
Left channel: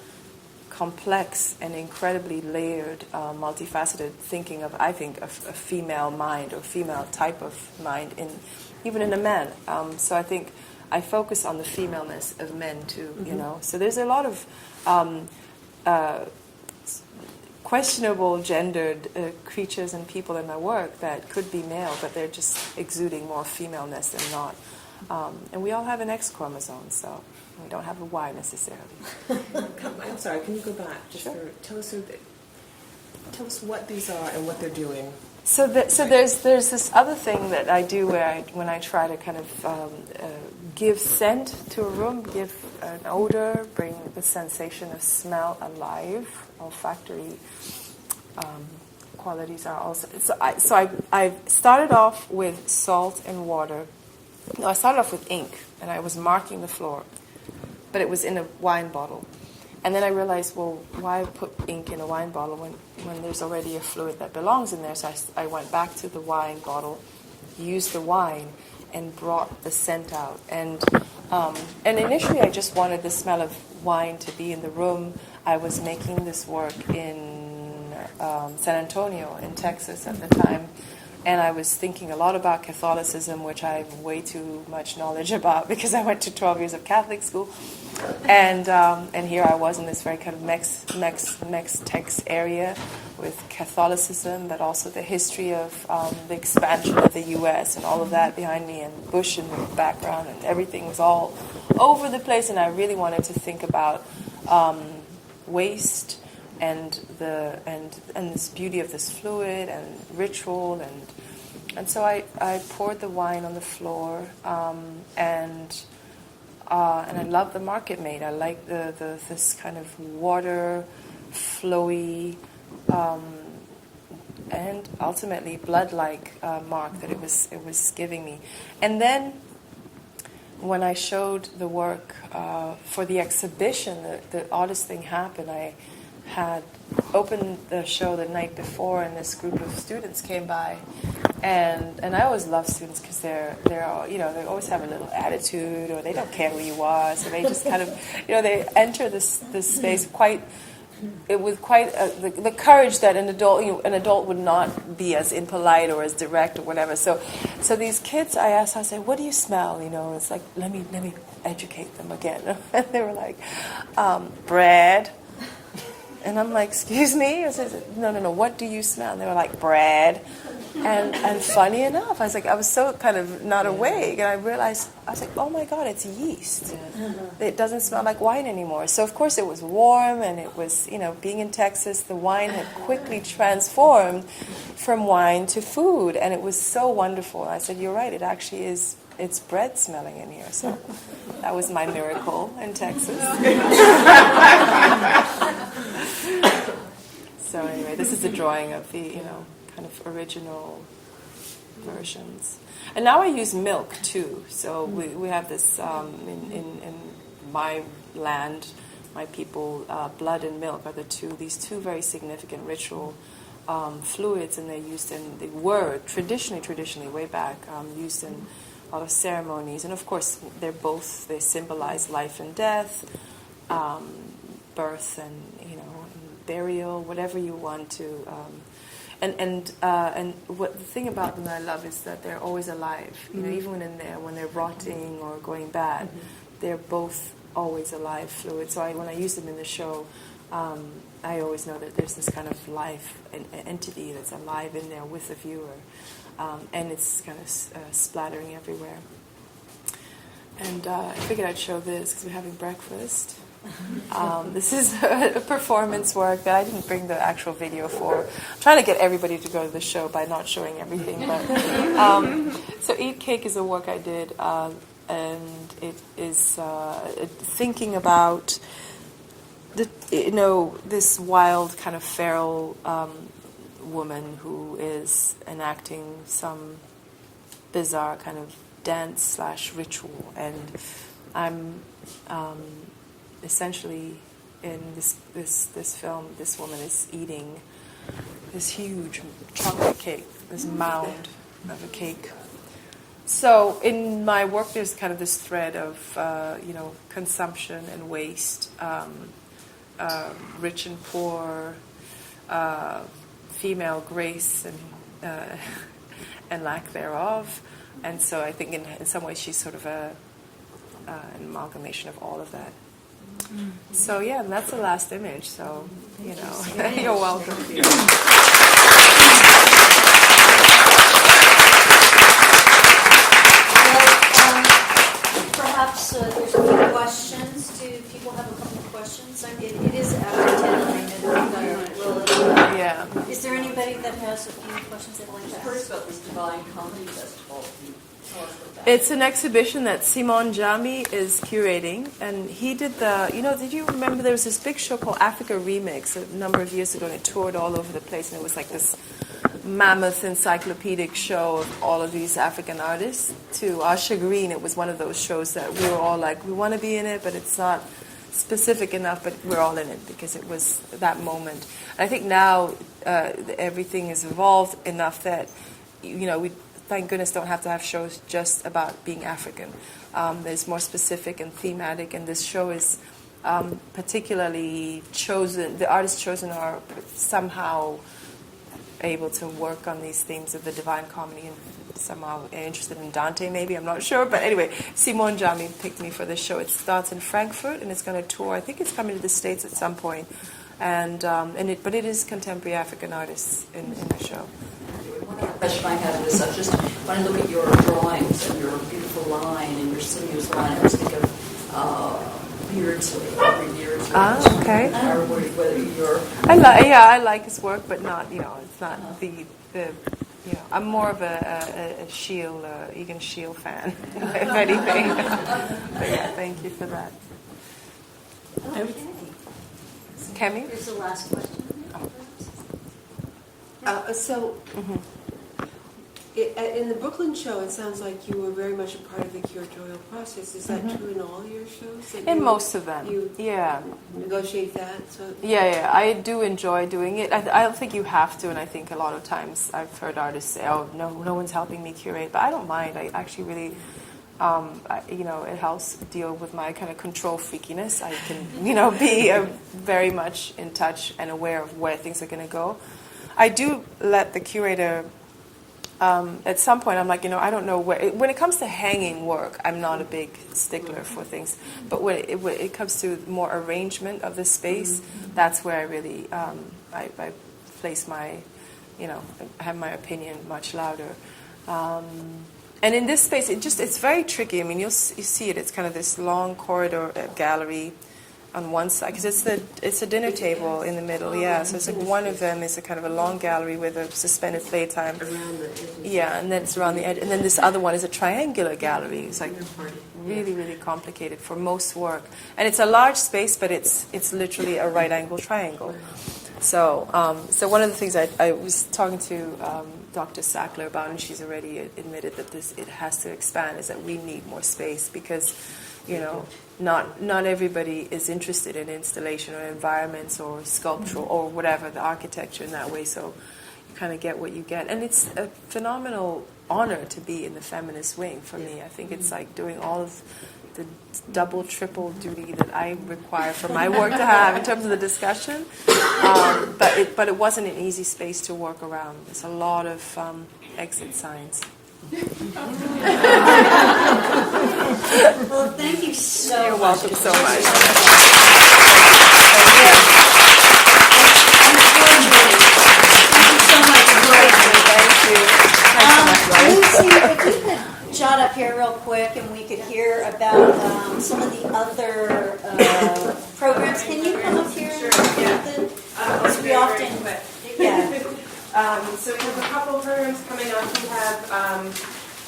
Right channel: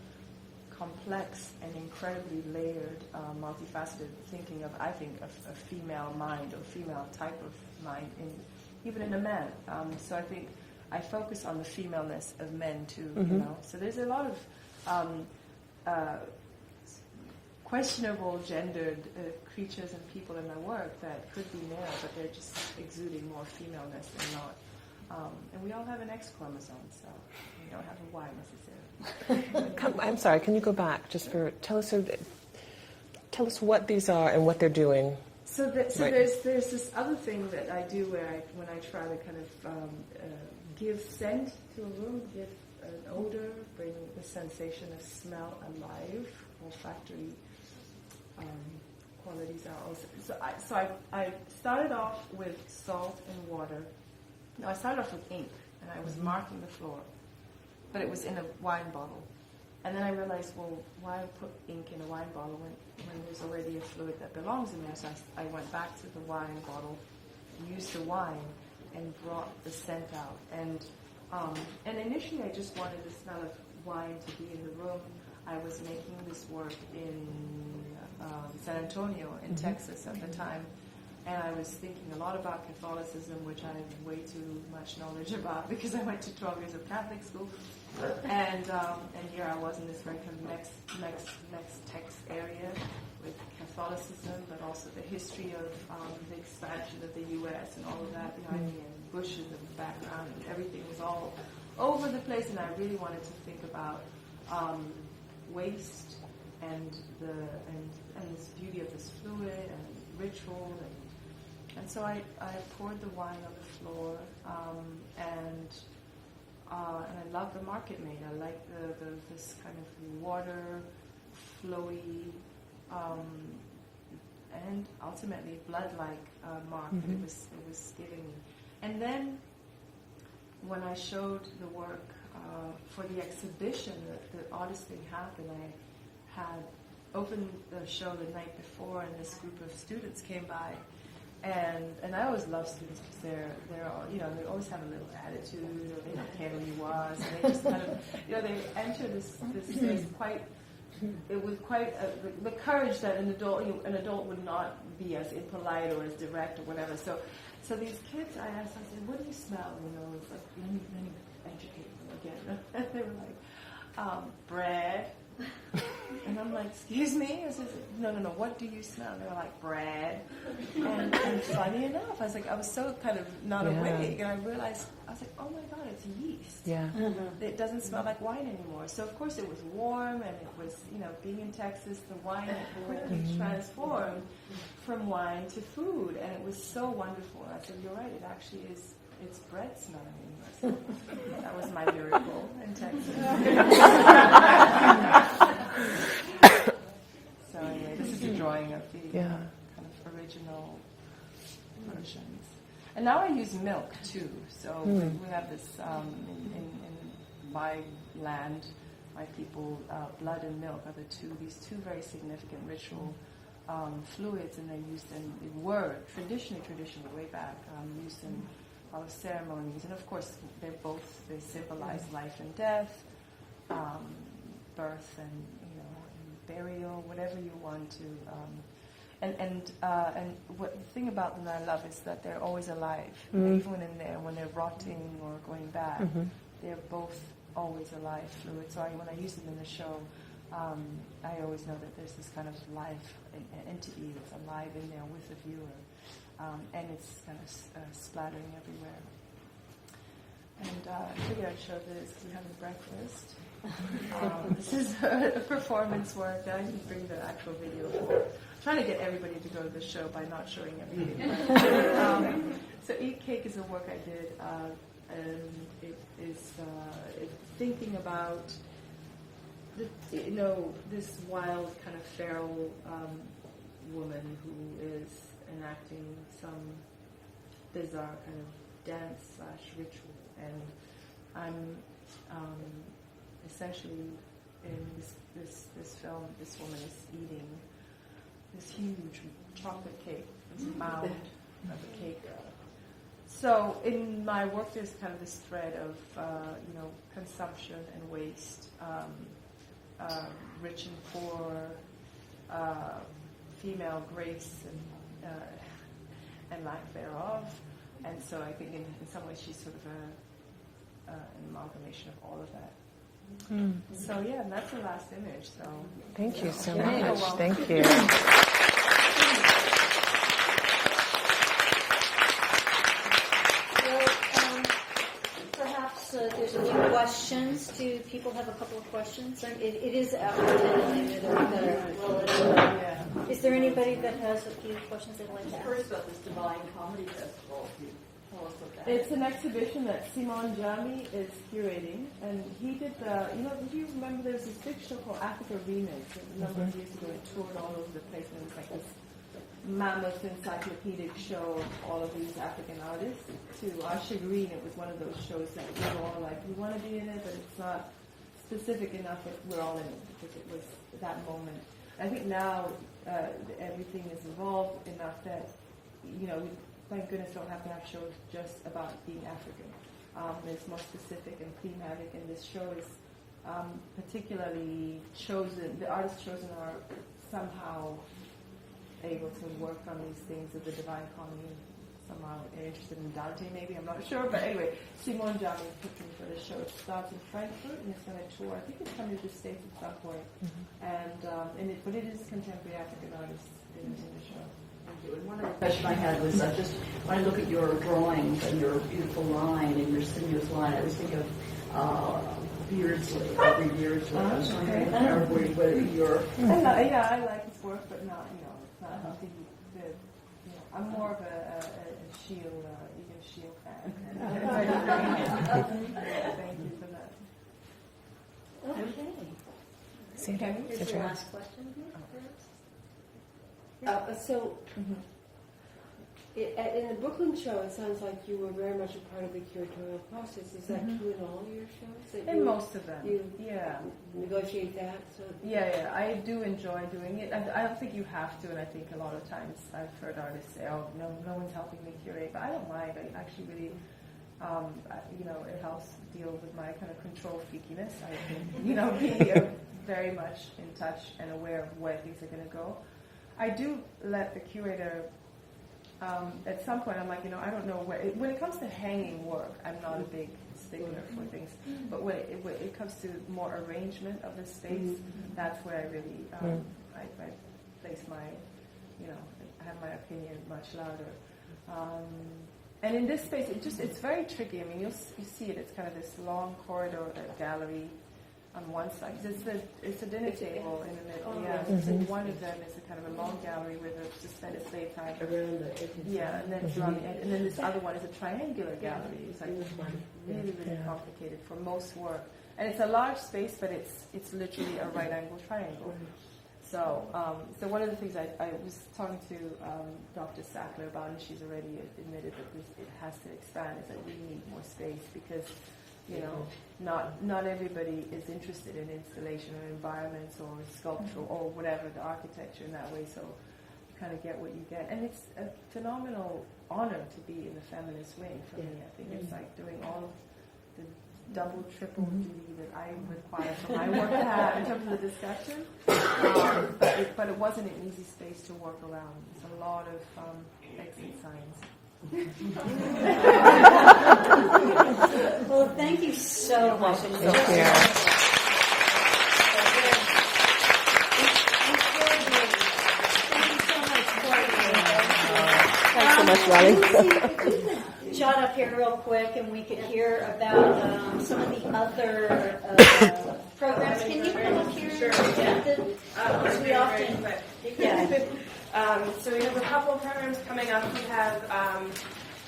complex and incredibly layered, multifaceted thinking of, I think, a female mind or female type of mind even in a man. So I think I focus on the femaleness of men too, So there's a lot of questionable gendered creatures and people in my work that could be male, but they're just exuding more femaleness than not. And we all have an X chromosome, so we don't have a Y necessarily. I'm sorry, can you go back tell us what these are and what they're doing? So there's this other thing that I do when I try to kind of give scent to a room, give an odor, bring the sensation of smell alive. Olfactory qualities are also. So I started off with salt and water. No, I started off with ink, and I was marking the floor, but it was in a wine bottle. And then I realized, well, why put ink in a wine bottle when there's already a fluid that belongs in there? So I went back to the wine bottle, used the wine, and brought the scent out. And initially I just wanted the smell of wine to be in the room. I was making this work in San Antonio in Texas at the time, And I was thinking a lot about Catholicism, which I have way too much knowledge about because I went to 12 years of Catholic school. And here I was in this very kind of Mex-Tex area with Catholicism, but also the history of the expansion of the U.S. and all of that behind me, and Bush in the background, and everything was all over the place. And I really wanted to think about waste and this beauty of this fluid and ritual, and so I poured the wine on the floor, and I love the market made. I like this kind of water, flowy, and ultimately blood-like mark that it was giving me. And then when I showed the work for the exhibition, the oddest thing happened. I had opened the show the night before, and this group of students came by, and I always love students because they're all, you know, they always have a little attitude, or they don't care who you are, so they just kind of, you know, they enter this space with quite the courage that an adult would not be as impolite or as direct or whatever. So these kids, I said, what do you smell? You know, it's like, let me educate them again. And they were like, bread. And I'm like, excuse me? I said, no, what do you smell? And they were like, bread. And funny enough, I was so kind of not awake, and I realized, I was like, oh my God, it's yeast. Yeah. Mm-hmm. It doesn't smell like wine anymore. So of course it was warm, and it was, you know, being in Texas, the wine had quickly transformed from wine to food, and it was so wonderful. And I said, you're right, it actually is, it's bread smelling in here. So that was my miracle in Texas. So anyway, this is a drawing of the, you know, kind of original versions. And now I use milk too. So we have this in my land, my people, blood and milk are these two very significant ritual fluids, and they were traditionally way back used in a lot of ceremonies. And of course, they symbolize life and death, birth and burial, whatever you want to. And what the thing about them that I love is that they're always alive. You know, even when they're rotting or going bad, they're both always alive fluid. So when I use them in the show, I always know that there's this kind of life, an entity that's alive in there with the viewer, and it's kind of splattering everywhere. And I figured I'd show this because we're having breakfast. This is a performance work that I didn't bring the actual video for. I'm trying to get everybody to go to the show by not showing everything. But, so Eat Cake is a work I did, and it is thinking about this wild kind of feral woman who is enacting some bizarre kind of dance / ritual, and I'm essentially in this film, this woman is eating this huge chunk of cake, this mound of a cake. So in my work, there's kind of this thread of consumption and waste, rich and poor, female grace and lack thereof. And so I think in some ways she's sort of an amalgamation of all of that. So yeah, and that's the last image. So thank you so much. You're welcome. Thank you. Perhaps there's a few questions. Do people have a couple of questions? I mean, it is after 10. Yeah. Is there anybody that has a few questions they'd like to ask? First about this Divine Comedy Festival. Tell us what that It's an exhibition that Simon Jami is curating, and he did did you remember there was this big show called Africa Remix a number of years ago, and it toured all over the place, and it was like this mammoth encyclopedic show of all of these African artists. To our chagrin, it was one of those shows that we were all like, we want to be in it, but it's not specific enough, but we're all in it because it was that moment. And I think now everything is evolved enough that, we thank goodness don't have to have shows just about being African. There's more specific and thematic, and this show is particularly chosen, the artists chosen are somehow able to work on these themes of the Divine Comedy and somehow interested in Dante, maybe, I'm not sure. But anyway, Simone Jami picked me for this show. It starts in Frankfurt, and it's going to tour. I think it's coming to the States at some point. But it is contemporary African artists in the show. One other question I had was just when I look at your drawings and your beautiful line and your sinuous line, I was thinking of Beardsley, Aubrey Beardsley. Okay. Or whether you're... I like his work, but not, it's not the I'm more of a Shield, Egan Shield fan, if anything. But yeah, thank you for that. Okay. Kemi? Here's the last question. In the Brooklyn show, it sounds like you were very much a part of the curatorial process. Is that true in all your shows? In most of them, you negotiate that? Yeah, I do enjoy doing it. I don't think you have to, and I think a lot of times I've heard artists say, "Oh, no one's helping me curate," but I don't mind. I actually really, it helps deal with my kind of control freakiness. I can, be very much in touch and aware of where things are going to go. I do let the curator. At some point, I'm like, I don't know when it comes to hanging work, I'm not a big stickler for things. But when it comes to more arrangement of the space, that's where I really, I place my, have my opinion much louder. And in this space, it's very tricky. I mean, you see it. It's kind of this long corridor gallery on one side, because it's a dinner table in the middle, yeah. So it's like one of them is a kind of a long gallery with a suspended playtime. Yeah, and then it's around the edge. And then this other one is a triangular gallery. It's like really, really complicated for most work. And it's a large space, but it's literally a right angle triangle. So one of the things I was talking to Dr. Sackler about, and she's already admitted that it has to expand, is that we need more space because, not everybody is interested in installation or environments or sculpture or whatever, the architecture in that way, so you kind of get what you get. And it's a phenomenal honor to be in the feminist wing for me. I think it's like doing all of the double, triple duty that I require for my work to have in terms of the discussion. But it wasn't an easy space to work around. There's a lot of exit signs. Well, thank you so You're much. welcome so much. Lucy, if you could jot up here real quick and we could hear about some of the other programs. Can you come up here? Sure, yeah. Because we often, yeah. So we have a couple programs coming up. We have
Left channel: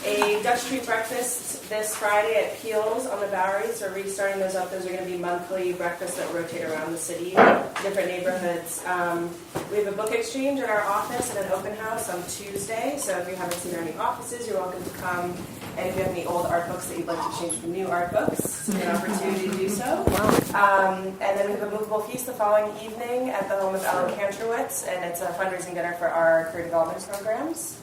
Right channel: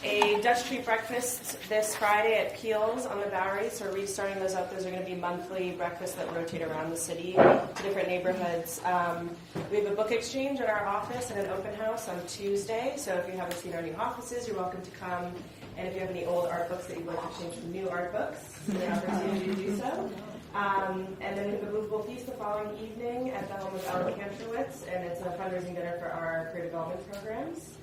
a Dutch Street breakfast this Friday at Peel's on the Bowery. So we're restarting those up. Those are going to be monthly breakfasts that rotate around the city, different neighborhoods. We have a book exchange at our office and an open house on Tuesday. So if you haven't seen our new offices, you're welcome to come. And if you have any old art books that you'd like to change for new art books, you have an opportunity to do so. And then we have a movable feast the following evening at the home of Alan Kantrowitz, and it's a fundraising dinner for our career development programs.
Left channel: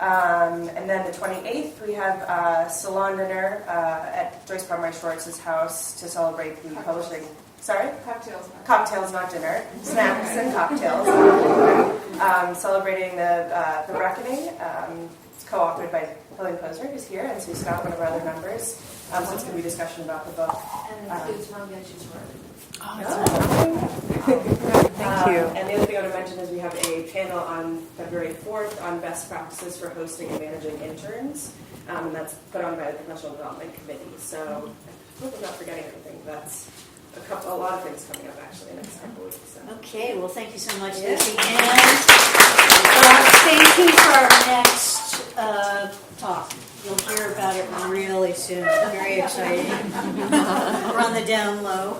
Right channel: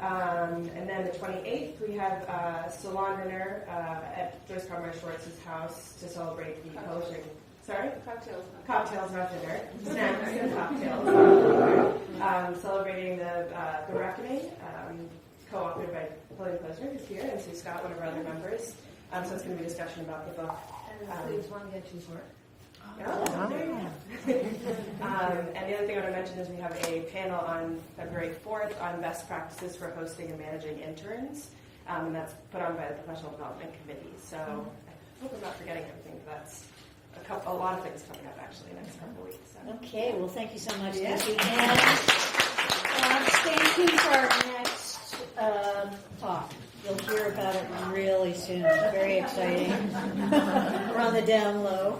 And then the 28th, we have a salon dinner at Joyce Palmer Schwartz's house to celebrate the publishing. Sorry? Cocktails, not dinner. Snacks and cocktails. Celebrating the Reckoning. It's co-authored by Helen Posner, who's here, and Sue Scott, one of our other members. So it's going to be a discussion about the book. And it's Wangechi's work. Thank you. And the other thing I want to mention is we have a panel on February 4th on best practices for hosting and managing interns. And that's put on by the Professional Development Committee. So I hope I'm not forgetting anything. That's a lot of things coming up actually in the next couple of weeks. So. Okay, well, thank you so much, Yeah. Lucy. And thank you for our next talk. You'll hear about it really soon. Very exciting. We're on the down low.